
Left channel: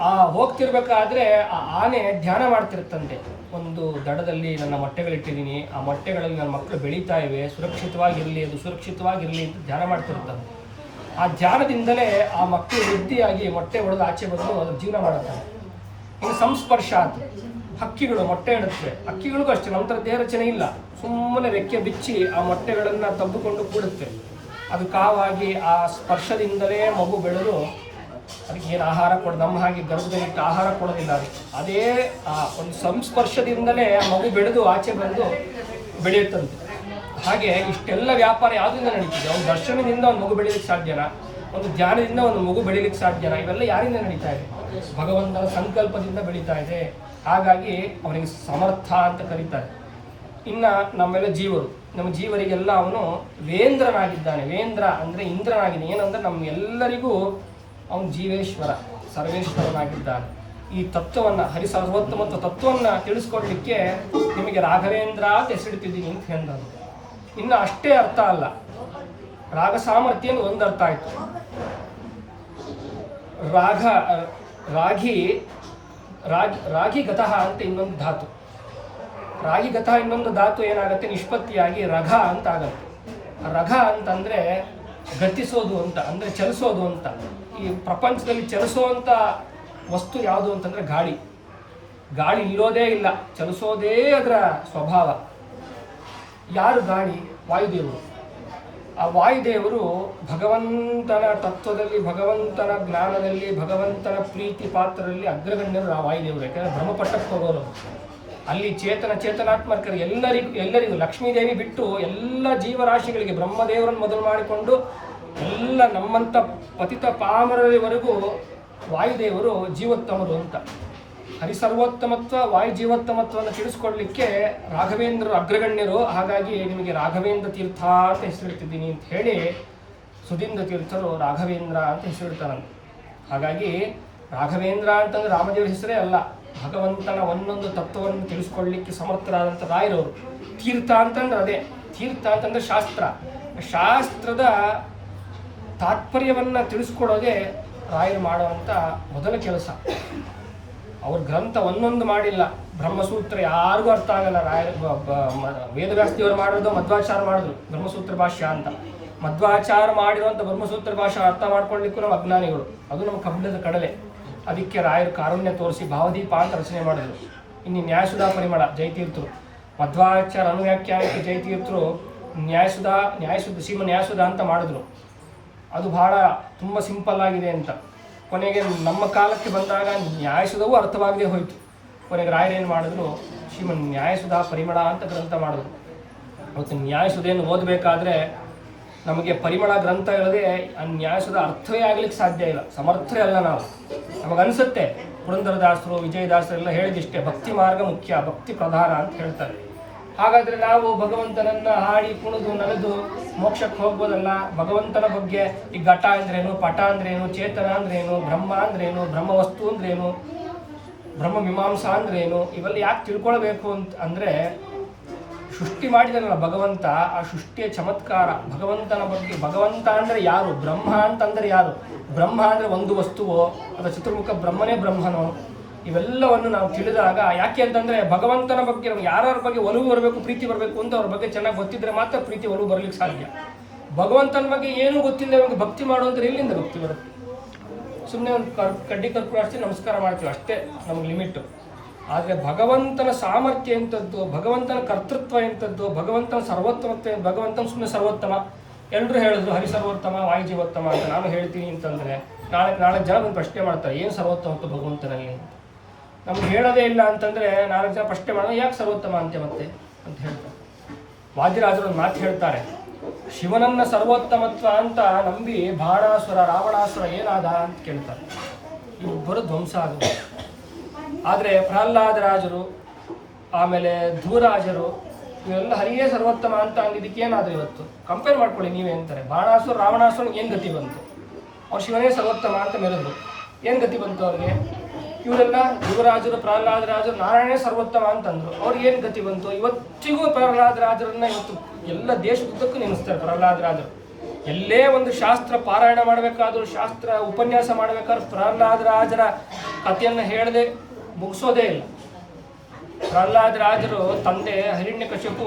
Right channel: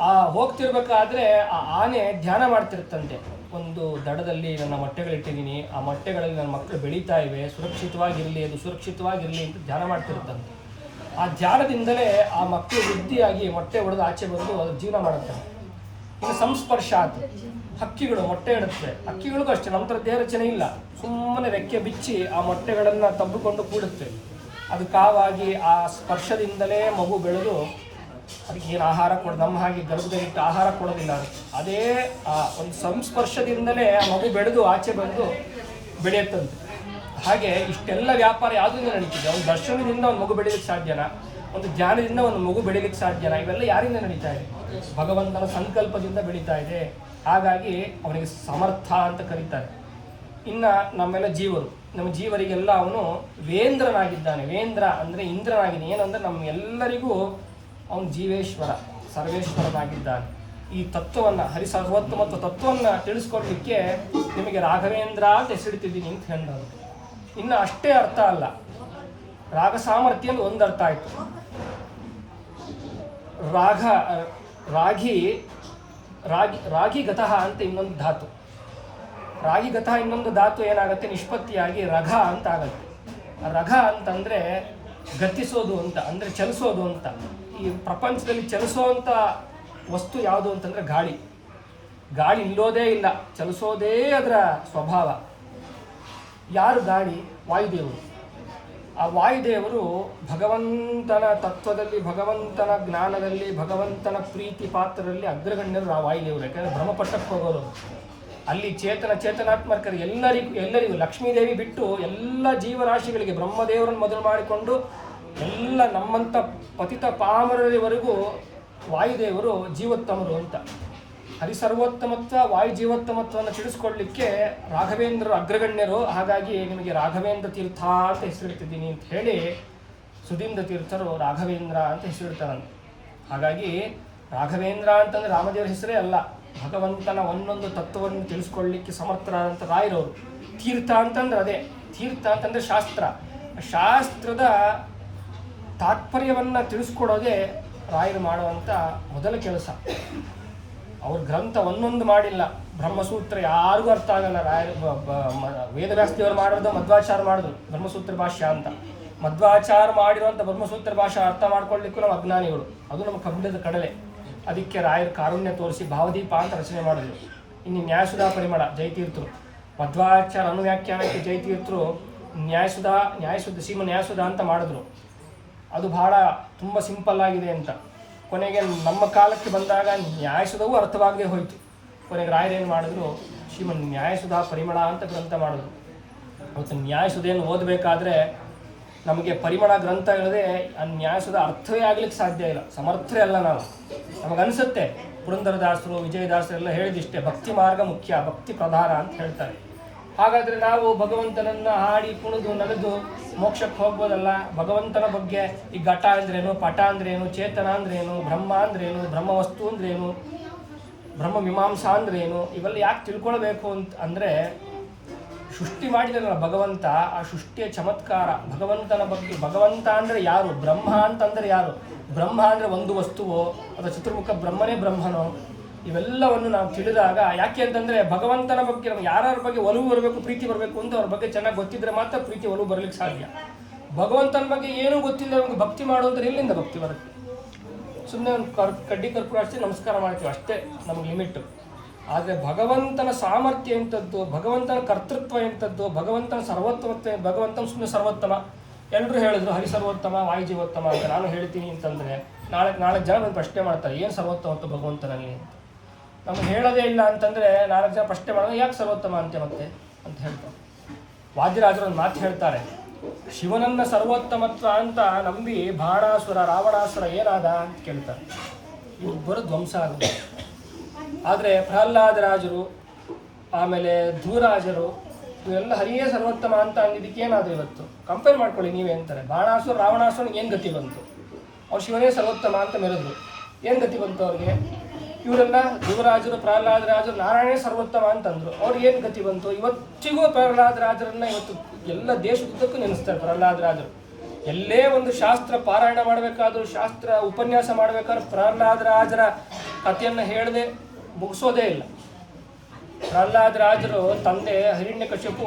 Speaker 1: ಆ, ಹೋಗ್ತಿರ್ಬೇಕಾದ್ರೆ ಆ ಆನೆ ಧ್ಯಾನ ಮಾಡ್ತಿರುತ್ತಂತೆ. ಒಂದು ದಡದಲ್ಲಿ ನನ್ನ ಮೊಟ್ಟೆಗಳಿಟ್ಟಿದ್ದೀನಿ. ಆ ಮೊಟ್ಟೆಗಳಲ್ಲಿ ನನ್ನ ಮಕ್ಕಳು ಬೆಳೀತಾ ಇವೆ. ಸುರಕ್ಷಿತವಾಗಿರಲಿ, ಅದು ಸುರಕ್ಷಿತವಾಗಿರಲಿ ಅಂತ ಧ್ಯಾನ ಮಾಡ್ತಿರುತ್ತಂತೆ. ಆ ಧ್ಯಾನದಿಂದಲೇ ಆ ಮಕ್ಕಳು ವೃದ್ಧಿಯಾಗಿ ಮೊಟ್ಟೆ ಒಡೆದು ಆಚೆ ಬಂದು ಅದು ಜೀವನ ಮಾಡುತ್ತೆ ಇನ್ನು ಸಂಸ್ಪರ್ಶ ಆತು ಹಕ್ಕಿಗಳು ಮೊಟ್ಟೆ ಇಡುತ್ತವೆ ಹಕ್ಕಿಗಳಿಗೂ ಅಷ್ಟೇ ನಂತರ ದೇಹ ರಚನೆ ಇಲ್ಲ. ಸುಮ್ಮನೆ ರೆಕ್ಕೆ ಬಿಚ್ಚಿ ಆ ಮೊಟ್ಟೆಗಳನ್ನು ತಬ್ಬಿಕೊಂಡು ಕೂಡುತ್ತೆ. ಅದು ಕಾವಾಗಿ ಆ ಸ್ಪರ್ಶದಿಂದಲೇ ಮಗು ಬೆಳೆದು ಅದಕ್ಕೆ ಏನು ಆಹಾರ ಕೊಡ, ನಮ್ಮ ಹಾಗೆ ಗರ್ಭದಲ್ಲಿಟ್ಟು ಆಹಾರ ಕೊಡೋದಿಲ್ಲ ಅದು. ಆ, ಒಂದು ಸಂಸ್ಪರ್ಶದಿಂದಲೇ ಆ ಮಗು ಬೆಳೆದು ಆಚೆ ಬಂದು ಬೆಳೆಯುತ್ತಂತೆ. ಹಾಗೆ ಇಷ್ಟೆಲ್ಲ ವ್ಯಾಪಾರ ಯಾವುದರಿಂದ ನಡೀತಿದೆ? ಒಂದು ದರ್ಶನದಿಂದ ಒಂದು ಮಗು ಬೆಳೀಲಿಕ್ಕೆ ಸಾಧ್ಯನ? ಒಂದು ಜ್ಞಾನದಿಂದ ಒಂದು ಮಗು ಬೆಳೀಲಿಕ್ಕೆ ಸಾಧ್ಯನ? ಇವೆಲ್ಲ ಯಾರಿಂದ ನಡೀತಾ ಇದೆ? ಭಗವಂತನ ಸಂಕಲ್ಪದಿಂದ ಬೆಳೀತಾ ಇದೆ. ಹಾಗಾಗಿ ಅವನಿಗೆ ಸಮರ್ಥ ಅಂತ ಕರೀತಾರೆ. ಇನ್ನು ನಮ್ಮೆಲ್ಲ ಜೀವರು. ನಮ್ಮ ಜೀವರಿಗೆಲ್ಲ ಅವನು ವೇಂದ್ರನಾಗಿದ್ದಾನೆ. ವೇಂದ್ರ ಅಂದರೆ ಇಂದ್ರನಾಗಿದ್ದಾನೆ. ಏನಂದ್ರೆ ನಮ್ಮ ಎಲ್ಲರಿಗೂ ಅವನು ಜೀವೇಶ್ವರ, ಸರ್ವೇಶ್ವರನಾಗಿದ್ದಾನೆ. ಈ ತತ್ವವನ್ನ ಹರಿ ಮತ್ತು ತತ್ವವನ್ನ ತಿಳಿಸ್ಕೊಡ್ಲಿಕ್ಕೆ ನಿಮಗೆ ರಾಘವೇಂದ್ರ ಅಂತ ಹೆಸರಿಟ್ಟಿದ್ದೀನಿ ಅಂತ ಹೇಳಿದ್ರು ಇನ್ನು ಅಷ್ಟೇ ಅರ್ಥ ಅಲ್ಲ. ರಾಗ ಸಾಮರ್ಥ್ಯ ಒಂದು ಅರ್ಥ ಆಯ್ತು. ರಾಘ ರಾಗಿ ರಾಗಿ ರಾಗಿ ಗತಃ ಅಂತ ಇನ್ನೊಂದು ಧಾತು. ರಾಗಿ ಗತಃ ಇನ್ನೊಂದು ಧಾತು ಏನಾಗುತ್ತೆ? ನಿಷ್ಪತ್ತಿಯಾಗಿ ರಘ ಅಂತ ಆಗತ್ತೆ. ರಘ ಅಂತಂದ್ರೆ ಗತಿಸೋದು ಅಂತ, ಅಂದ್ರೆ ಚಲಿಸೋದು ಅಂತ. ಈ ಪ್ರಪಂಚದಲ್ಲಿ ಚಲಿಸುವಂಥ ವಸ್ತು ಯಾವುದು ಅಂತಂದ್ರೆ ಗಾಳಿ. ಗಾಳಿ ಇಲ್ಲೋದೇ ಇಲ್ಲ, ಚಲಿಸೋದೇ ಅದರ ಸ್ವಭಾವ. ಯಾರು ಗಾಳಿ? ವಾಯುದೇವರು. ಆ ವಾಯುದೇವರು ಭಗವಂತನ ತತ್ವದಲ್ಲಿ, ಭಗವಂತನ ಜ್ಞಾನದಲ್ಲಿ, ಭಗವಂತನ ಪ್ರೀತಿ ಪಾತ್ರದಲ್ಲಿ ಅಗ್ರಗಣ್ಯರು ಆ ವಾಯುದೇವರು, ಯಾಕಂದ್ರೆ ಬ್ರಹ್ಮಪಟ್ಟಕ್ಕೆ ಹೋಗೋರು ಅಲ್ಲಿ ಚೇತನ ಚೇತನಾತ್ಮಕರು ಎಲ್ಲರಿಗೂ ಎಲ್ಲರಿಗೂ, ಲಕ್ಷ್ಮೀದೇವಿ ಬಿಟ್ಟು ಎಲ್ಲ ಜೀವರಾಶಿಗಳಿಗೆ ಬ್ರಹ್ಮದೇವರನ್ನು ಮೊದಲು ಮಾಡಿಕೊಂಡು ಎಲ್ಲ ನಮ್ಮಂಥ ಪತಿತ ಪಾಮರವರೆಗೂ ವಾಯುದೇವರು ಜೀವೋತ್ತಮರು ಅಂತ. ಹರಿಸರ್ವೋತ್ತಮತ್ವ, ವಾಯು ಜೀವೋತ್ತಮತ್ವವನ್ನು ತಿಳಿಸ್ಕೊಡ್ಲಿಕ್ಕೆ ರಾಘವೇಂದ್ರರು ಅಗ್ರಗಣ್ಯರು. ಹಾಗಾಗಿ ನಿಮಗೆ ರಾಘವೇಂದ್ರ ತೀರ್ಥ ಅಂತ ಹೆಸರಿಡ್ತಿದ್ದೀನಿ ಅಂತ ಹೇಳಿ ಸುಧೀಂದ್ರ ತೀರ್ಥರು ರಾಘವೇಂದ್ರ ಅಂತ ಹೆಸರಿಡ್ತಾರಂತೆ ಹಾಗಾಗಿ ರಾಘವೇಂದ್ರ ಅಂತಂದ್ರೆ ರಾಮದೇವರ ಹೆಸರೇ ಅಲ್ಲ. ಭಗವಂತನ ಒಂದೊಂದು ತತ್ವವನ್ನು ತಿಳಿಸ್ಕೊಳ್ಳಿಕ್ಕೆ ಸಮರ್ಥರಾದಂಥ ರಾಯರವರು. ತೀರ್ಥ ಅಂತಂದ್ರೆ ಅದೇ, ತೀರ್ಥ ಅಂತಂದ್ರೆ ಶಾಸ್ತ್ರ. ಶಾಸ್ತ್ರದ ತಾತ್ಪರ್ಯವನ್ನು ತಿಳಿಸ್ಕೊಡೋದೆ ರಾಯರು ಮಾಡುವಂಥ ಮೊದಲ ಕೆಲಸ. ಅವ್ರ ಗ್ರಂಥ ಒಂದೊಂದು ಮಾಡಿಲ್ಲ. ಬ್ರಹ್ಮಸೂತ್ರ ಯಾರಿಗೂ ಅರ್ಥ ಆಗಲ್ಲ. ರಾಯರು ವೇದವ್ಯಾಸ್ತಿಯವರು ಮಾಡಿರೋದು, ಮಧ್ವಾಚಾರ ಮಾಡಿದ್ರು. ಬ್ರಹ್ಮಸೂತ್ರ ಭಾಷ್ಯ ಅಂತ. ಮಧ್ವಾಚಾರ ಮಾಡಿರುವಂಥ ಬ್ರಹ್ಮಸೂತ್ರ ಭಾಷೆ ಅರ್ಥ ಮಾಡ್ಕೊಳ್ಳಿಕ್ಕೂ ನಮ್ಮ ಅಜ್ಞಾನಿಗಳು. ಅದು ನಮ್ಮ ಕಬ್ಬಿಣದ ಕಡಲೆ. ಅದಕ್ಕೆ ರಾಯರು ಕಾರುಣ್ಯ ತೋರಿಸಿ ಭಾವದೀಪ ಅಂತ ರಚನೆ ಮಾಡಿದ್ರು. ಇನ್ನು ನ್ಯಾಯಸುಧಾ ಪರಿಮಳ, ಜಯತೀರ್ಥರು. ಮಧ್ವಾಚಾರ ಅನುವ್ಯಾಖ್ಯಾನಕ್ಕೆ ಜಯತೀರ್ಥರು ನ್ಯಾಯಸುಧಾ, ನ್ಯಾಯಸುಧ ಸೀಮ ನ್ಯಾಯಸುಧ ಅಂತ ಮಾಡಿದ್ರು. ಅದು ಬಹಳ, ತುಂಬ ಸಿಂಪಲ್ ಆಗಿದೆ ಅಂತ. ಕೊನೆಗೆ ನಮ್ಮ ಕಾಲಕ್ಕೆ ಬಂದಾಗ ನ್ಯಾಯಸುಧವೂ ಅರ್ಥವಾಗದೇ ಹೋಯಿತು. ಕೊನೆಗೆ ರಾಯರೇನು ಮಾಡಿದ್ರು, ಶ್ರೀಮನ್ ನ್ಯಾಯಸುಧಾ ಪರಿಮಳ ಅಂತ ಗ್ರಂಥ ಮಾಡಿದ್ರು. ಅವತ್ತು ನ್ಯಾಯಸುಧೆಯನ್ನು ಓದಬೇಕಾದ್ರೆ ನಮಗೆ ಪರಿಮಳ ಗ್ರಂಥ ಇಲ್ಲದೆ ಆ ನ್ಯಾಸದ ಅರ್ಥವೇ ಆಗ್ಲಿಕ್ಕೆ ಸಾಧ್ಯ ಇಲ್ಲ. ಸಮರ್ಥರೇ ಅಲ್ಲ ನಾವು. ನಮಗನ್ಸುತ್ತೆ ಪುರಂದರದಾಸರು ವಿಜಯದಾಸರು ಎಲ್ಲ ಹೇಳಿದಿಷ್ಟೇ, ಭಕ್ತಿ ಮಾರ್ಗ ಮುಖ್ಯ, ಭಕ್ತಿ ಪ್ರಧಾನ ಅಂತ ಹೇಳ್ತಾರೆ. ಹಾಗಾದ್ರೆ ನಾವು ಭಗವಂತನನ್ನ ಹಾಡಿ, ಕುಣಿದು, ನಲಿದು ಮೋಕ್ಷಕ್ಕೆ ಹೋಗ್ಬೋದಲ್ಲ? ಭಗವಂತನ ಬಗ್ಗೆ ಈ ಘಟ ಅಂದ್ರೇನು, ಪಟ ಅಂದ್ರೇನು, ಚೇತನ ಅಂದ್ರೇನು, ಬ್ರಹ್ಮ ಅಂದ್ರೇನು ಬ್ರಹ್ಮ ವಸ್ತು ಅಂದ್ರೇನು, ಬ್ರಹ್ಮ ಮೀಮಾಂಸಾ ಅಂದ್ರೇನು, ಇವೆಲ್ಲ ಯಾಕೆ ತಿಳ್ಕೊಳ್ಬೇಕು ಅಂತ ಅಂದ್ರೆ ಸೃಷ್ಟಿ ಮಾಡಿದನಲ್ಲ ಭಗವಂತ, ಆ ಸೃಷ್ಟಿಯ ಚಮತ್ಕಾರ, ಭಗವಂತನ ಬಗ್ಗೆ, ಭಗವಂತ ಅಂದ್ರೆ ಯಾರು? ಬ್ರಹ್ಮ ಅಂತಂದ್ರೆ ಯಾರು? ಬ್ರಹ್ಮ ಅಂದ್ರೆ ಒಂದು ವಸ್ತುವೋ? ಅಥವಾ ಚತುರ್ಮುಖ ಬ್ರಹ್ಮನೇ ಬ್ರಹ್ಮನೋ? ಇವೆಲ್ಲವನ್ನು ನಾವು ತಿಳಿದಾಗ ಯಾಕೆ ಅಂತಂದ್ರೆ ಭಗವಂತನ ಬಗ್ಗೆ ನಮ್ಗೆ ಯಾರ್ಯಾರ ಬಗ್ಗೆ ಒಲವು ಬರಬೇಕು, ಪ್ರೀತಿ ಬರಬೇಕು ಅಂತ ಅವ್ರ ಬಗ್ಗೆ ಚೆನ್ನಾಗಿ ಗೊತ್ತಿದ್ರೆ ಮಾತ್ರ ಪ್ರೀತಿ, ಒಲವು ಬರ್ಲಿಕ್ಕೆ ಸಾಧ್ಯ. ಭಗವಂತನ ಬಗ್ಗೆ ಏನೂ ಗೊತ್ತಿಲ್ಲ ನಮಗೆ ಭಕ್ತಿ ಮಾಡುವಂದ್ರೆ ಎಲ್ಲಿಂದ ಭಕ್ತಿ ಬರುತ್ತೆ? ಸುಮ್ಮನೆ ಒಂದು ಕಡ್ಡಿ ಕರ್ಪೂರ ಹಚ್ಚಿ ನಮಸ್ಕಾರ ಮಾಡ್ತೀವಿ ಅಷ್ಟೇ ನಮ್ಗೆ ಲಿಮಿಟ್ ಆದರೆ ಭಗವಂತನ ಸಾಮರ್ಥ್ಯ ಎಂಥದ್ದು, ಭಗವಂತನ ಕರ್ತೃತ್ವ ಎಂಥದ್ದು, ಭಗವಂತನ ಸರ್ವೋತ್ತಮತ್ವ ಭಗವಂತನ ಸುಮ್ಮನೆ ಸರ್ವೋತ್ತಮ. ಎಲ್ಲರೂ ಹೇಳಿದ್ರು, ಹರಿ ಸರ್ವೋತ್ತಮ, ವಾಯು ಜೀವೋತ್ತಮ ಅಂತ ನಾನು ಹೇಳ್ತೀನಿ ಅಂತಂದ್ರೆ ನಾಳೆ ನಾಲ್ಕು ಜನ ಒಂದು ಪ್ರಶ್ನೆ ಮಾಡ್ತಾರೆ, ಏನು ಸರ್ವೋತ್ತಮತ್ವ ಭಗವಂತನಲ್ಲಿ? ನಮ್ಗೆ ಹೇಳೋದೇ ಇಲ್ಲ ಅಂತಂದ್ರೆ ನಾಲ್ಕು ಜನ ಪ್ರಶ್ನೆ ಮಾಡೋದು ಯಾಕೆ ಸರ್ವೋತ್ತಮ ಅಂತೆ ಮತ್ತೆ ಅಂತ ಹೇಳ್ತಾರೆ. ವಾದಿರಾಜರು ಒಂದು ಮಾತು ಹೇಳ್ತಾರೆ, ಶಿವನನ್ನ ಸರ್ವೋತ್ತಮತ್ವ ಅಂತ ನಂಬಿ ಬಾಣಾಸುರ ರಾವಣಾಸುರ ಏನಾದ ಅಂತ ಕೇಳ್ತಾರೆ. ಇಬ್ಬರು ಧ್ವಂಸ ಆದರು ಆದರೆ ಪ್ರಹ್ಲಾದರಾಜರು ಆಮೇಲೆ ಧೂರಾಜರು ಇವೆಲ್ಲ ಹರಿಯೇ ಸರ್ವೋತ್ತಮ ಅಂತ ಅಂದಿದ್ದಕ್ಕೆ ಏನಾದ್ರು ಇವತ್ತು? ಕಂಪೇರ್ ಮಾಡ್ಕೊಳ್ಳಿ ನೀವೇ ಅಂತಾರೆ. ಬಾಣಾಸುರ, ರಾವಣಾಸುರ ಏನು ಗತಿ ಬಂತು? ಅವ್ರು ಶಿವನೇ ಸರ್ವೋತ್ತಮ ಅಂತ ಮೆರೆದ್ರು. ಏನು ಗತಿ ಬಂತು ಅವ್ರಿಗೆ? ಇವರೆಲ್ಲ ಯುವರಾಜರು ಪ್ರಹ್ಲಾದರಾಜರು ನಾರಾಯಣೇ ಸರ್ವೋತ್ತಮ ಅಂತಂದ್ರು. ಅವ್ರಿಗೆ ಏನು ಗತಿ ಬಂತು? ಇವತ್ತಿಗೂ ಪ್ರಹ್ಲಾದರಾಜರನ್ನ ಇವತ್ತು ಎಲ್ಲ ದೇಶದುದ್ದಕ್ಕೂ ನೆನೆಸ್ತಾರೆ ಪ್ರಹ್ಲಾದರಾಜರು ಎಲ್ಲೇ ಒಂದು ಶಾಸ್ತ್ರ ಪಾರಾಯಣ ಮಾಡಬೇಕಾದ್ರೂ, ಶಾಸ್ತ್ರ ಉಪನ್ಯಾಸ ಮಾಡಬೇಕಾದ್ರೂ ಪ್ರಹ್ಲಾದರಾಜರ ಕಥೆಯನ್ನು ಹೇಳದೆ ಮುಗಿಸೋದೇ ಇಲ್ಲ. ಪ್ರಹ್ಲಾದ ರಾಜರು ತಂದೆ ಹಿರಣ್ಯಕಶಿಪು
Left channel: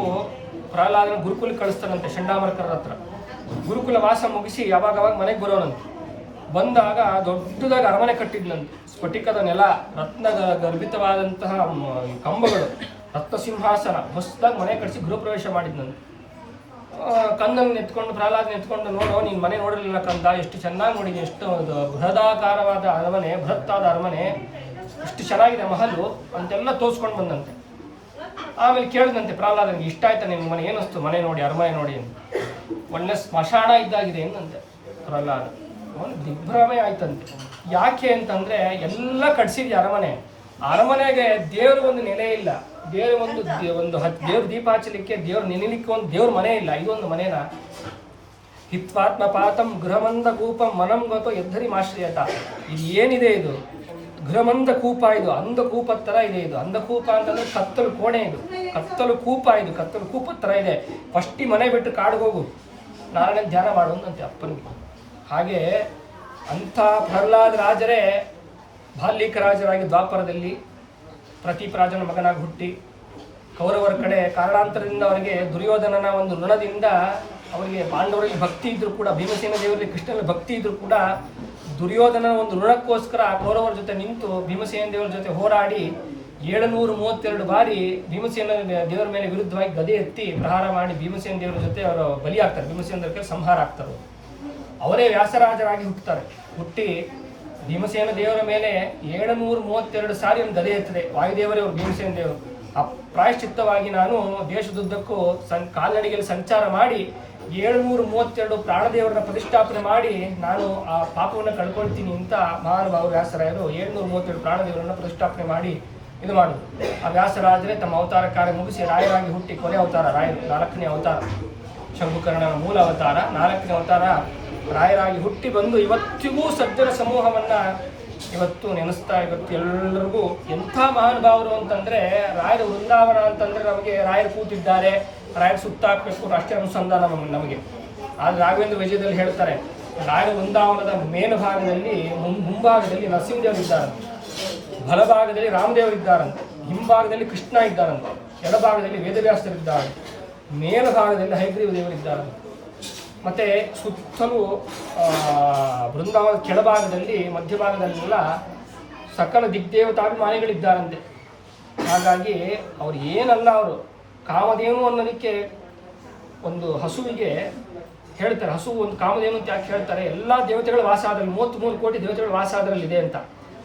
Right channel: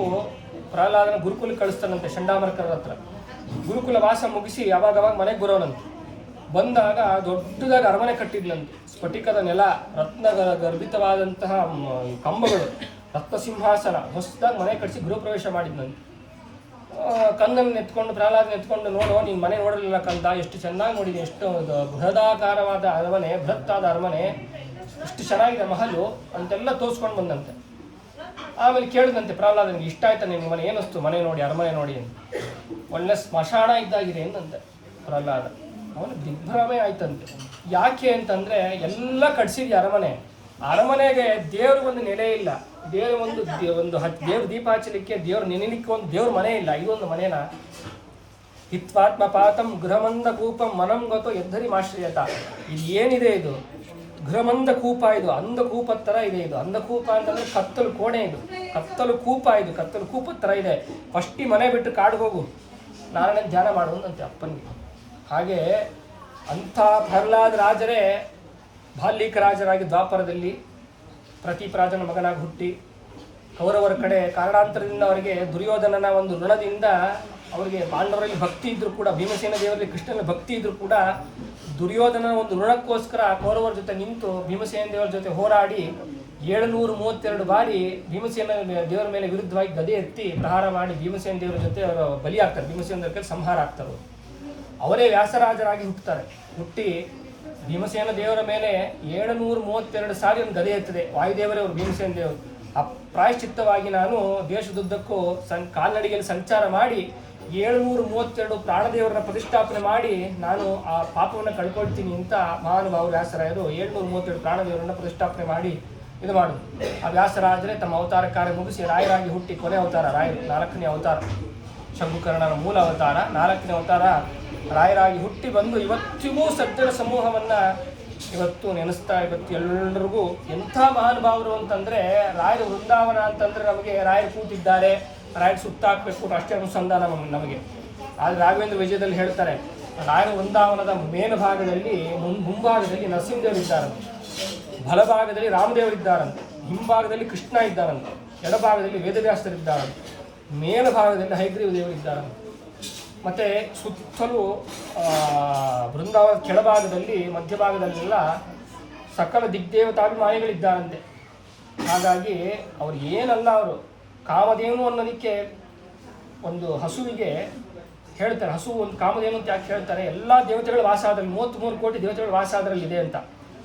Speaker 1: ಪ್ರಹ್ಲಾದನ ಗುರುಕುಲಕ್ಕೆ ಕಳಿಸ್ತಾನಂತೆ ಚಂಡಾಮರ್ಕರ ಹತ್ರ. ಗುರುಕುಲ ವಾಸ ಮುಗಿಸಿ ಅವಾಗ ಮನೆಗೆ ಬರೋನಂತೆ. ಬಂದಾಗ ದೊಡ್ಡದಾಗ ಅರಮನೆ ಕಟ್ಟಿದ್ನಂತೆ. ಸ್ಫಟಿಕದ ನೆಲ ರತ್ನ ಗರ್ಭಿತವಾದಂತಹ ಕಂಬಗಳು ರತ್ನ ಸಿಂಹಾಸನ ಹೊಸದಾಗಿ ಮನೆ ಕಟ್ಟಿಸಿ ಗೃಹ ಪ್ರವೇಶ ಮಾಡಿದ್ನಂತೆ. ಕಂದನ್ ಎತ್ಕೊಂಡು ಪ್ರಹ್ಲಾದನ ಎತ್ಕೊಂಡು ನೋಡೋ, ನೀನು ಮನೆ ನೋಡಿರಲಿಲ್ಲ ಕಂದ, ಎಷ್ಟು ಚೆನ್ನಾಗಿ ನೋಡಿದೆ, ಎಷ್ಟು ಬೃಹದಾಕಾರವಾದ ಅರಮನೆ, ಬೃಹತ್ತಾದ ಅರಮನೆ. ಎಷ್ಟು ಚೆನ್ನಾಗಿದೆ ಮಹಲು ಅಂತೆಲ್ಲ ತೋರಿಸ್ಕೊಂಡು ಬಂದಂತೆ. ಆಮೇಲೆ ಕೇಳಿದಂತೆ ಪ್ರಹ್ಲಾದನಿಗೆ ಇಷ್ಟ ಆಯ್ತಾ ನಿಮ್ಗೆ ಮನೆ, ಏನಿಸ್ತು? ಮನೆ ನೋಡಿ, ಅರಮನೆ ನೋಡಿ ಅಂತ. ಒಳ್ಳೆ ಸ್ಮಶಾನ ಇದ್ದಾಗಿದೆ ಎಂದಂತೆ ಪ್ರಹ್ಲಾದ? ಅವನು ದಿಗ್ಭ್ರಮೆ ಆಯ್ತಂತೆ. ಯಾಕೆ ಅಂತಂದ್ರೆ ಎಲ್ಲ ಕಟ್ಸಿದ್ಯ ಅರಮನೆ. ಅರಮನೆಗೆ ದೇವ್ರ ಒಂದು ನೆಲೆ ಇಲ್ಲ. ದೇವ್ರ ಒಂದು ಒಂದು ಹತ್ತು ದೇವ್ರ ದೀಪ ಹಚ್ಚಲಿಕ್ಕೆ ದೇವ್ರ ನೆನಲಿಕ್ಕೆ ಒಂದು ದೇವ್ರ ಮನೆ ಇಲ್ಲ. ಇದೊಂದು ಮನೇನ. ಹಿತ್ವಾತ್ಮ ಪಾತಂ ಗೃಹಮಂದ ಕೂಪಂ ಮನಂ ಗೊತ್ತೋ ಎದ್ದರಿ ಮಾಶ್ರಯತ ಇದು ಏನಿದೆ ಇದು? ಗೃಹಮಂದ ಕೂಪ ಇದು, ಅಂಧ ಕೂಪ ತರ ಇದೆ ಇದು. ಅಂಧ ಕೂಪ ಅಂತಂದ್ರೆ ಕತ್ತಲು ಕೋಣೆ ಇದು. ಕತ್ತಲು ಕೂಪ ಇದು, ಕತ್ತಲು ಕೂಪ ತರ ಇದೆ. ಫಸ್ಟಿ ಮನೆ ಬಿಟ್ಟು ಕಾಡಿಗೆ ಹೋಗು. ನಾರಾಯಣ ಧ್ಯಾನ ಮಾಡುವಂತೆ ಅಪ್ಪನಿಗೆ. ಹಾಗೆ ಅಂಥ ಪ್ರಹ್ಲಾದ ರಾಜರೇ ಬಾಲ್ಯಕ ರಾಜರಾಗಿ ದ್ವಾಪರದಲ್ಲಿ ಪ್ರತೀಪ್ ರಾಜನ ಮಗನಾಗಿ ಹುಟ್ಟಿ ಕೌರವರ ಕಡೆ ಕಾರಣಾಂತರದಿಂದ ಅವರಿಗೆ ದುರ್ಯೋಧನನ ಒಂದು ಋಣದಿಂದ ಅವರಿಗೆ ಪಾಂಡವರಲ್ಲಿ ಭಕ್ತಿ ಇದ್ರು ಕೂಡ ಭೀಮಸೇನ ದೇವರಲ್ಲಿ ಕೃಷ್ಣನ ಭಕ್ತಿ ಇದ್ರು ಕೂಡ ದುರ್ಯೋಧನ ಒಂದು ಋಣಕ್ಕೋಸ್ಕರ ಕೌರವರ ಜೊತೆ ನಿಂತು ಭೀಮಸೇನ ದೇವರ ಜೊತೆ ಹೋರಾಡಿ ಏಳುನೂರ ಮೂವತ್ತೆರಡು ಬಾರಿ ಭೀಮಸೇನ ದೇವರ ಮೇಲೆ ವಿರುದ್ಧವಾಗಿ ಗದೆ ಎತ್ತಿ ಪ್ರಹಾರ ಮಾಡಿ ಭೀಮಸೇನ ದೇವರ ಜೊತೆ ಅವರು ಬಲಿ ಆಗ್ತಾರೆ ಭೀಮಸೇನ ದೇವರ ಸಂಹಾರ ಆಗ್ತಾರೆ. ಅವರೇ. ವ್ಯಾಸರಾಜರಾಗಿ ಹುಟ್ಟುತ್ತಾರೆ. ಹುಟ್ಟಿ ಭೀಮಸೇನ ದೇವರ ಮೇಲೆ ಏಳುನೂರ ಮೂವತ್ತೆರಡು ಸಾರಿ ಒಂದು ಗದೆ ಎತ್ತದೆ. ವಾಯುದೇವರೇ ಅವರು ಭೀಮಸೇನ ದೇವರು. ಆ ಪ್ರಾಯಶ್ಚಿತ್ತವಾಗಿ ನಾನು ದೇಶದುದ್ದಕ್ಕೂ ಸಂ ಕಾಲ್ನಡಿಗೆಯಲ್ಲಿ ಸಂಚಾರ ಮಾಡಿ ಏಳುನೂರ ಮೂವತ್ತೆರಡು ಪ್ರಾಣದೇವರನ್ನ ಪ್ರತಿಷ್ಠಾಪನೆ ಮಾಡಿ ನಾನು ಆ ಪಾಪವನ್ನು ಕಳ್ಕೊಳ್ತೀನಿ ಅಂತ ಮಹಾನುಭಾವರು ವ್ಯಾಸರಾಯರು ಏಳ್ನೂರ ಮೂವತ್ತೆರಡು ಪ್ರಾಣದೇವರನ್ನ ಪ್ರತಿಷ್ಠಾಪನೆ ಮಾಡಿ ಇದು ಮಾಡುದು ಆ ವ್ಯಾಸರಾದರೆ ತಮ್ಮ ಅವತಾರ ಕಾರ್ಯ ಮುಗಿಸಿ ರಾಯರಾಗಿ ಹುಟ್ಟಿ ಕೊನೆ ಅವತಾರ, ರಾಯರು, ನಾಲ್ಕನೇ ಅವತಾರ, ಶಂಭುಕರ್ಣನ ಮೂಲ ಅವತಾರ, ನಾಲ್ಕನೇ ಅವತಾರ, ರಾಯರಾಗಿ ಹುಟ್ಟಿ ಬಂದು ಇವತ್ತಿಗೂ ಸಜ್ಜನ ಸಮೂಹವನ್ನ ಇವತ್ತು ನೆನೆಸ್ತಾ, ಇವತ್ತು ಎಲ್ಲರಿಗೂ ಎಂಥ ಮಹಾನುಭಾವರು ಅಂತಂದ್ರೆ ರಾಯರ ವೃಂದಾವನ ಅಂತಂದ್ರೆ ನಮಗೆ ರಾಯರು ಕೂತಿದ್ದಾರೆ, ರಾಯರು ಸುತ್ತಾಕ್ಬೇಕು ರಾಷ್ಟ್ರೀಯ ಅನುಸಂಧಾನ ನಮಗೆ ಆದ್ರೆ ರಾಘವೇಂದ್ರ ವಿಜಯದಲ್ಲಿ ಹೇಳ್ತಾರೆ, ರಾಯರ ವೃಂದಾವನದ ಮೇಲ್ಭಾಗದಲ್ಲಿ ಮುಂಭಾಗದಲ್ಲಿ ನರಸಿಂಹದೇವರು ಇದ್ದಾರಂತೆ. ಬಲಭಾಗದಲ್ಲಿ ರಾಮದೇವರಿದ್ದಾರಂತೆ ಹಿಂಭಾಗದಲ್ಲಿ ಕೃಷ್ಣ ಇದ್ದಾರಂತೆ. ಎಡಭಾಗದಲ್ಲಿ ವೇದವ್ಯಾಸರಿದ್ದಾರೆ ಮೇಲ್ಭಾಗದಲ್ಲಿ ಹೈಗ್ರೀವ ದೇವರಿದ್ದಾರಂತೆ ಮತ್ತೆ ಸುತ್ತಲೂ ಬೃಂದಾವನ ಕೆಳಭಾಗದಲ್ಲಿ, ಮಧ್ಯಭಾಗದಲ್ಲೆಲ್ಲ ಸಕಲ ದಿಗ್ದೇವತಾಭಿಮಾನಿಗಳಿದ್ದಾರಂತೆ. ಹಾಗಾಗಿ ಅವ್ರು ಏನಲ್ಲ ಅವರು, ಕಾಮಧೇನು ಅನ್ನೋದಕ್ಕೆ ಒಂದು ಹಸುವಿಗೆ ಹೇಳ್ತಾರೆ. ಹಸು ಒಂದು ಕಾಮಧೇನು ಅಂತ ಯಾಕೆ ಹೇಳ್ತಾರೆ? ಎಲ್ಲ ದೇವತೆಗಳು ವಾಸ ಅದರಲ್ಲಿ ಮೂವತ್ತ್ಮೂರು ಕೋಟಿ ದೇವತೆಗಳು ವಾಸ ಅದರಲ್ಲಿ ಇದೆ ಅಂತ.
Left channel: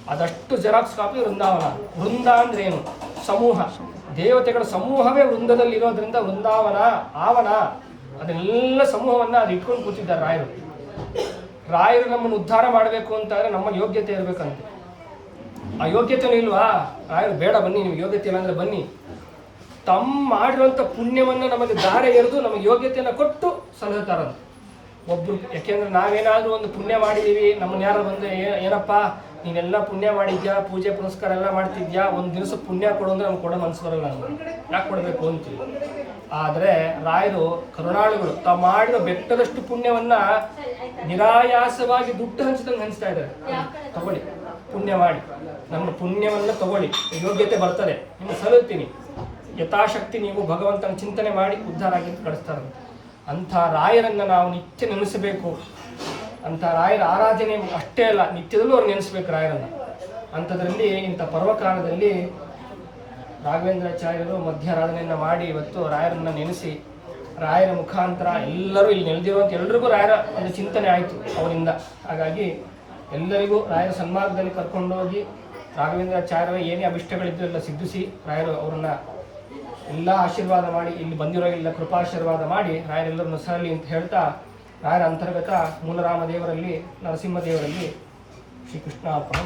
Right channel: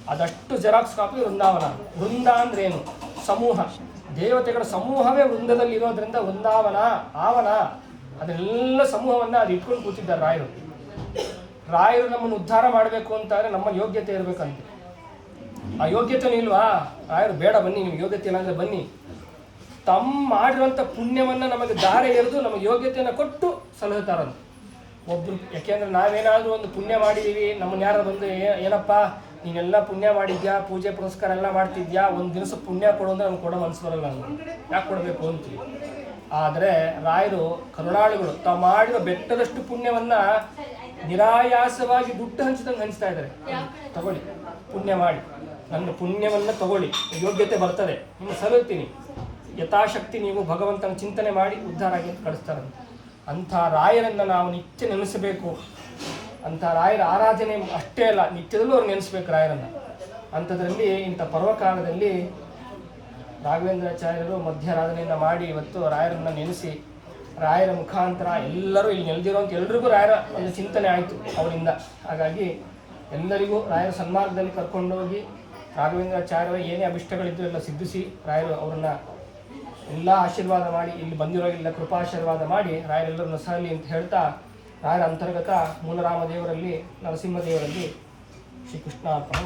Speaker 1: ಅದಷ್ಟು ಜೆರಾಕ್ಸ್ ಕಾಪಿ ವೃಂದಾವನ. ವೃಂದ ಅಂದ್ರೆ ಏನು? ಸಮೂಹ. ದೇವತೆಗಳ ಸಮೂಹವೇ ವೃಂದದಲ್ಲಿ ಇರೋದ್ರಿಂದ ವೃಂದಾವನ, ಆವನ ಅದನ್ನೆಲ್ಲ ಸಮೂಹವನ್ನ ಅದು ಇಟ್ಕೊಂಡು ಕೂತಿದ್ದಾರೆ ರಾಯರು. ರಾಯರು ನಮ್ಮನ್ನು ಉದ್ಧಾರ ಮಾಡಬೇಕು ಅಂತಂದ್ರೆ ನಮ್ಮ ಯೋಗ್ಯತೆ ಇರಬೇಕಂತ. ಆ ಯೋಗ್ಯತೆನೂ ಇಲ್ವಾ? ರಾಯರು, ಬೇಡ, ಬನ್ನಿ, ನಿಮ್ಗೆ ಯೋಗ್ಯತೆ ಇಲ್ಲ ಅಂದರೆ ಬನ್ನಿ. ತಮ್ಮ ಮಾಡಿರುವಂಥ ಪುಣ್ಯವನ್ನ ನಮಗೆ ದಾರೆ ಎರೆದು ನಮಗೆ ಯೋಗ್ಯತೆಯನ್ನು ಕೊಟ್ಟು ಸಲಹುತ್ತಾರಂತೆ ಒಬ್ರು, ಯಾಕೆಂದ್ರೆ ನಾವೇನಾದರೂ ಒಂದು ಪುಣ್ಯ ಮಾಡಿದೀವಿ ನಮ್ಮನ್ನ ಯಾರು ಬಂದು ಏನಪ್ಪ ನೀನೆಲ್ಲ ಪುಣ್ಯ ಮಾಡಿದ್ಯಾ? ಪೂಜೆ ಪುರಸ್ಕಾರ ಎಲ್ಲ ಮಾಡ್ತಿದ್ಯಾ? ಒಂದು ದಿವಸ ಪುಣ್ಯ ಕೊಡು ಅಂದ್ರೆ ನಮ್ಗೆ ಕೊಡೋದು ಅನ್ಸ್ಬರಲ್ಲ ಯಾಕೆ ಕೊಡಬೇಕು ಅಂತೀವಿ ಆದರೆ ರಾಯರು, ಕರುಣಾಳುಗಳು ತಾವು ಮಾಡಿರೋ ಬೆಟ್ಟದಷ್ಟು ಪುಣ್ಯವನ್ನ ನಿರಾಯಾಸವಾಗಿ ದುಡ್ಡು ಹಂಚಿದಂಗೆ ಹಂಚ್ತಾ ಇದ್ದಾರೆ ತಗೊಳ್ಳಿ, ಪುಣ್ಯ ಮಾಡಿ. ನಮ್ಮ ಪುಣ್ಯವನ್ನ ತಗೊಳ್ಳಿ. ಯೋಗ್ಯತೆ ಬರ್ತದೆ. ನಿಮ್ಗೆ ಸಲುತ್ತೀನಿ ಯಥಾಶಕ್ತಿ ನೀವು ಭಗವಂತನ ಚಿಂತನೆ ಮಾಡಿ ಉದ್ಧಾರ ಆಗಿ ಕಳಿಸ್ತಾರಂತೆ. ಅಂಥ ರಾಯರನ್ನ ನಾವು ನಿತ್ಯ ನೆನೆಸಬೇಕು. ಅಂಥ ರಾಯರ ಆರಾಧನೆ ಅಷ್ಟೇ ಅಲ್ಲ, ನಿತ್ಯದಲ್ಲೂ ಅವ್ರು ನೆನೆಸ್ಬೇಕು ರಾಯರನ್ನ. ಅಂಥದ್ರಲ್ಲಿ ಇಂಥ ಪರ್ವಕಾಲದಲ್ಲಿ ರಾಘವೇಂದ್ರಾಚಾರ್ಯರು ಮಧ್ಯಾರಾಧನೆಯನ್ನು ಮಾಡಿ ಇವತ್ತು ರಾಯರನ್ನ ನೆನೆಸಿ, ರಾಯರ ಮುಖಾಂತರ ಎಲ್ಲರೂ ಇಲ್ಲಿ ನೆಲೆದಿರುವಂಥ ಎಲ್ರಿಗೂ ರಾಯರ ಒಂದು ಚಿಂತನೆ ಆಯಿತು ಅವರಿಂದ. ಹಾಗಾಗಿ ಎಲ್ಲರಿಗೂ ರಾಯರ ಸನ್ಮಾರ್ಗದಲ್ಲಿ ಕರ್ಕೊಂಡೋಗಿ ರಾಘವೇಂದ್ರಾಚಾರ್ಯರ ಏನೇ ಅಭಿಷ್ಟಗಳಿದ್ರು ಎಲ್ಲ ಸಿದ್ಧಿಸಿ ರಾಯರು ಅವರನ್ನ ಎಲ್ಲ ಆಶೀರ್ವಾದ ಮಾಡಿ, ಇಲ್ಲಿ ಬಂದಿರೋ ಎಲ್ಲ ಕೃಪಾಶೀರ್ವಾದ ಮಾಡಿ ರಾಯರೆಲ್ಲರನ್ನು ಸರಲಿ ಅಂತ ಹೇಳ್ತಾ ರಾಯರ ಅಂತರ್ಗತ ಮೂಲರಾಮ ದೇವರಲ್ಲಿ ನರಸಿಂಹ ದೇವರಲ್ಲಿ ಶ್ರೀಕೃಷ್ಣ ಅರ್ಪಣ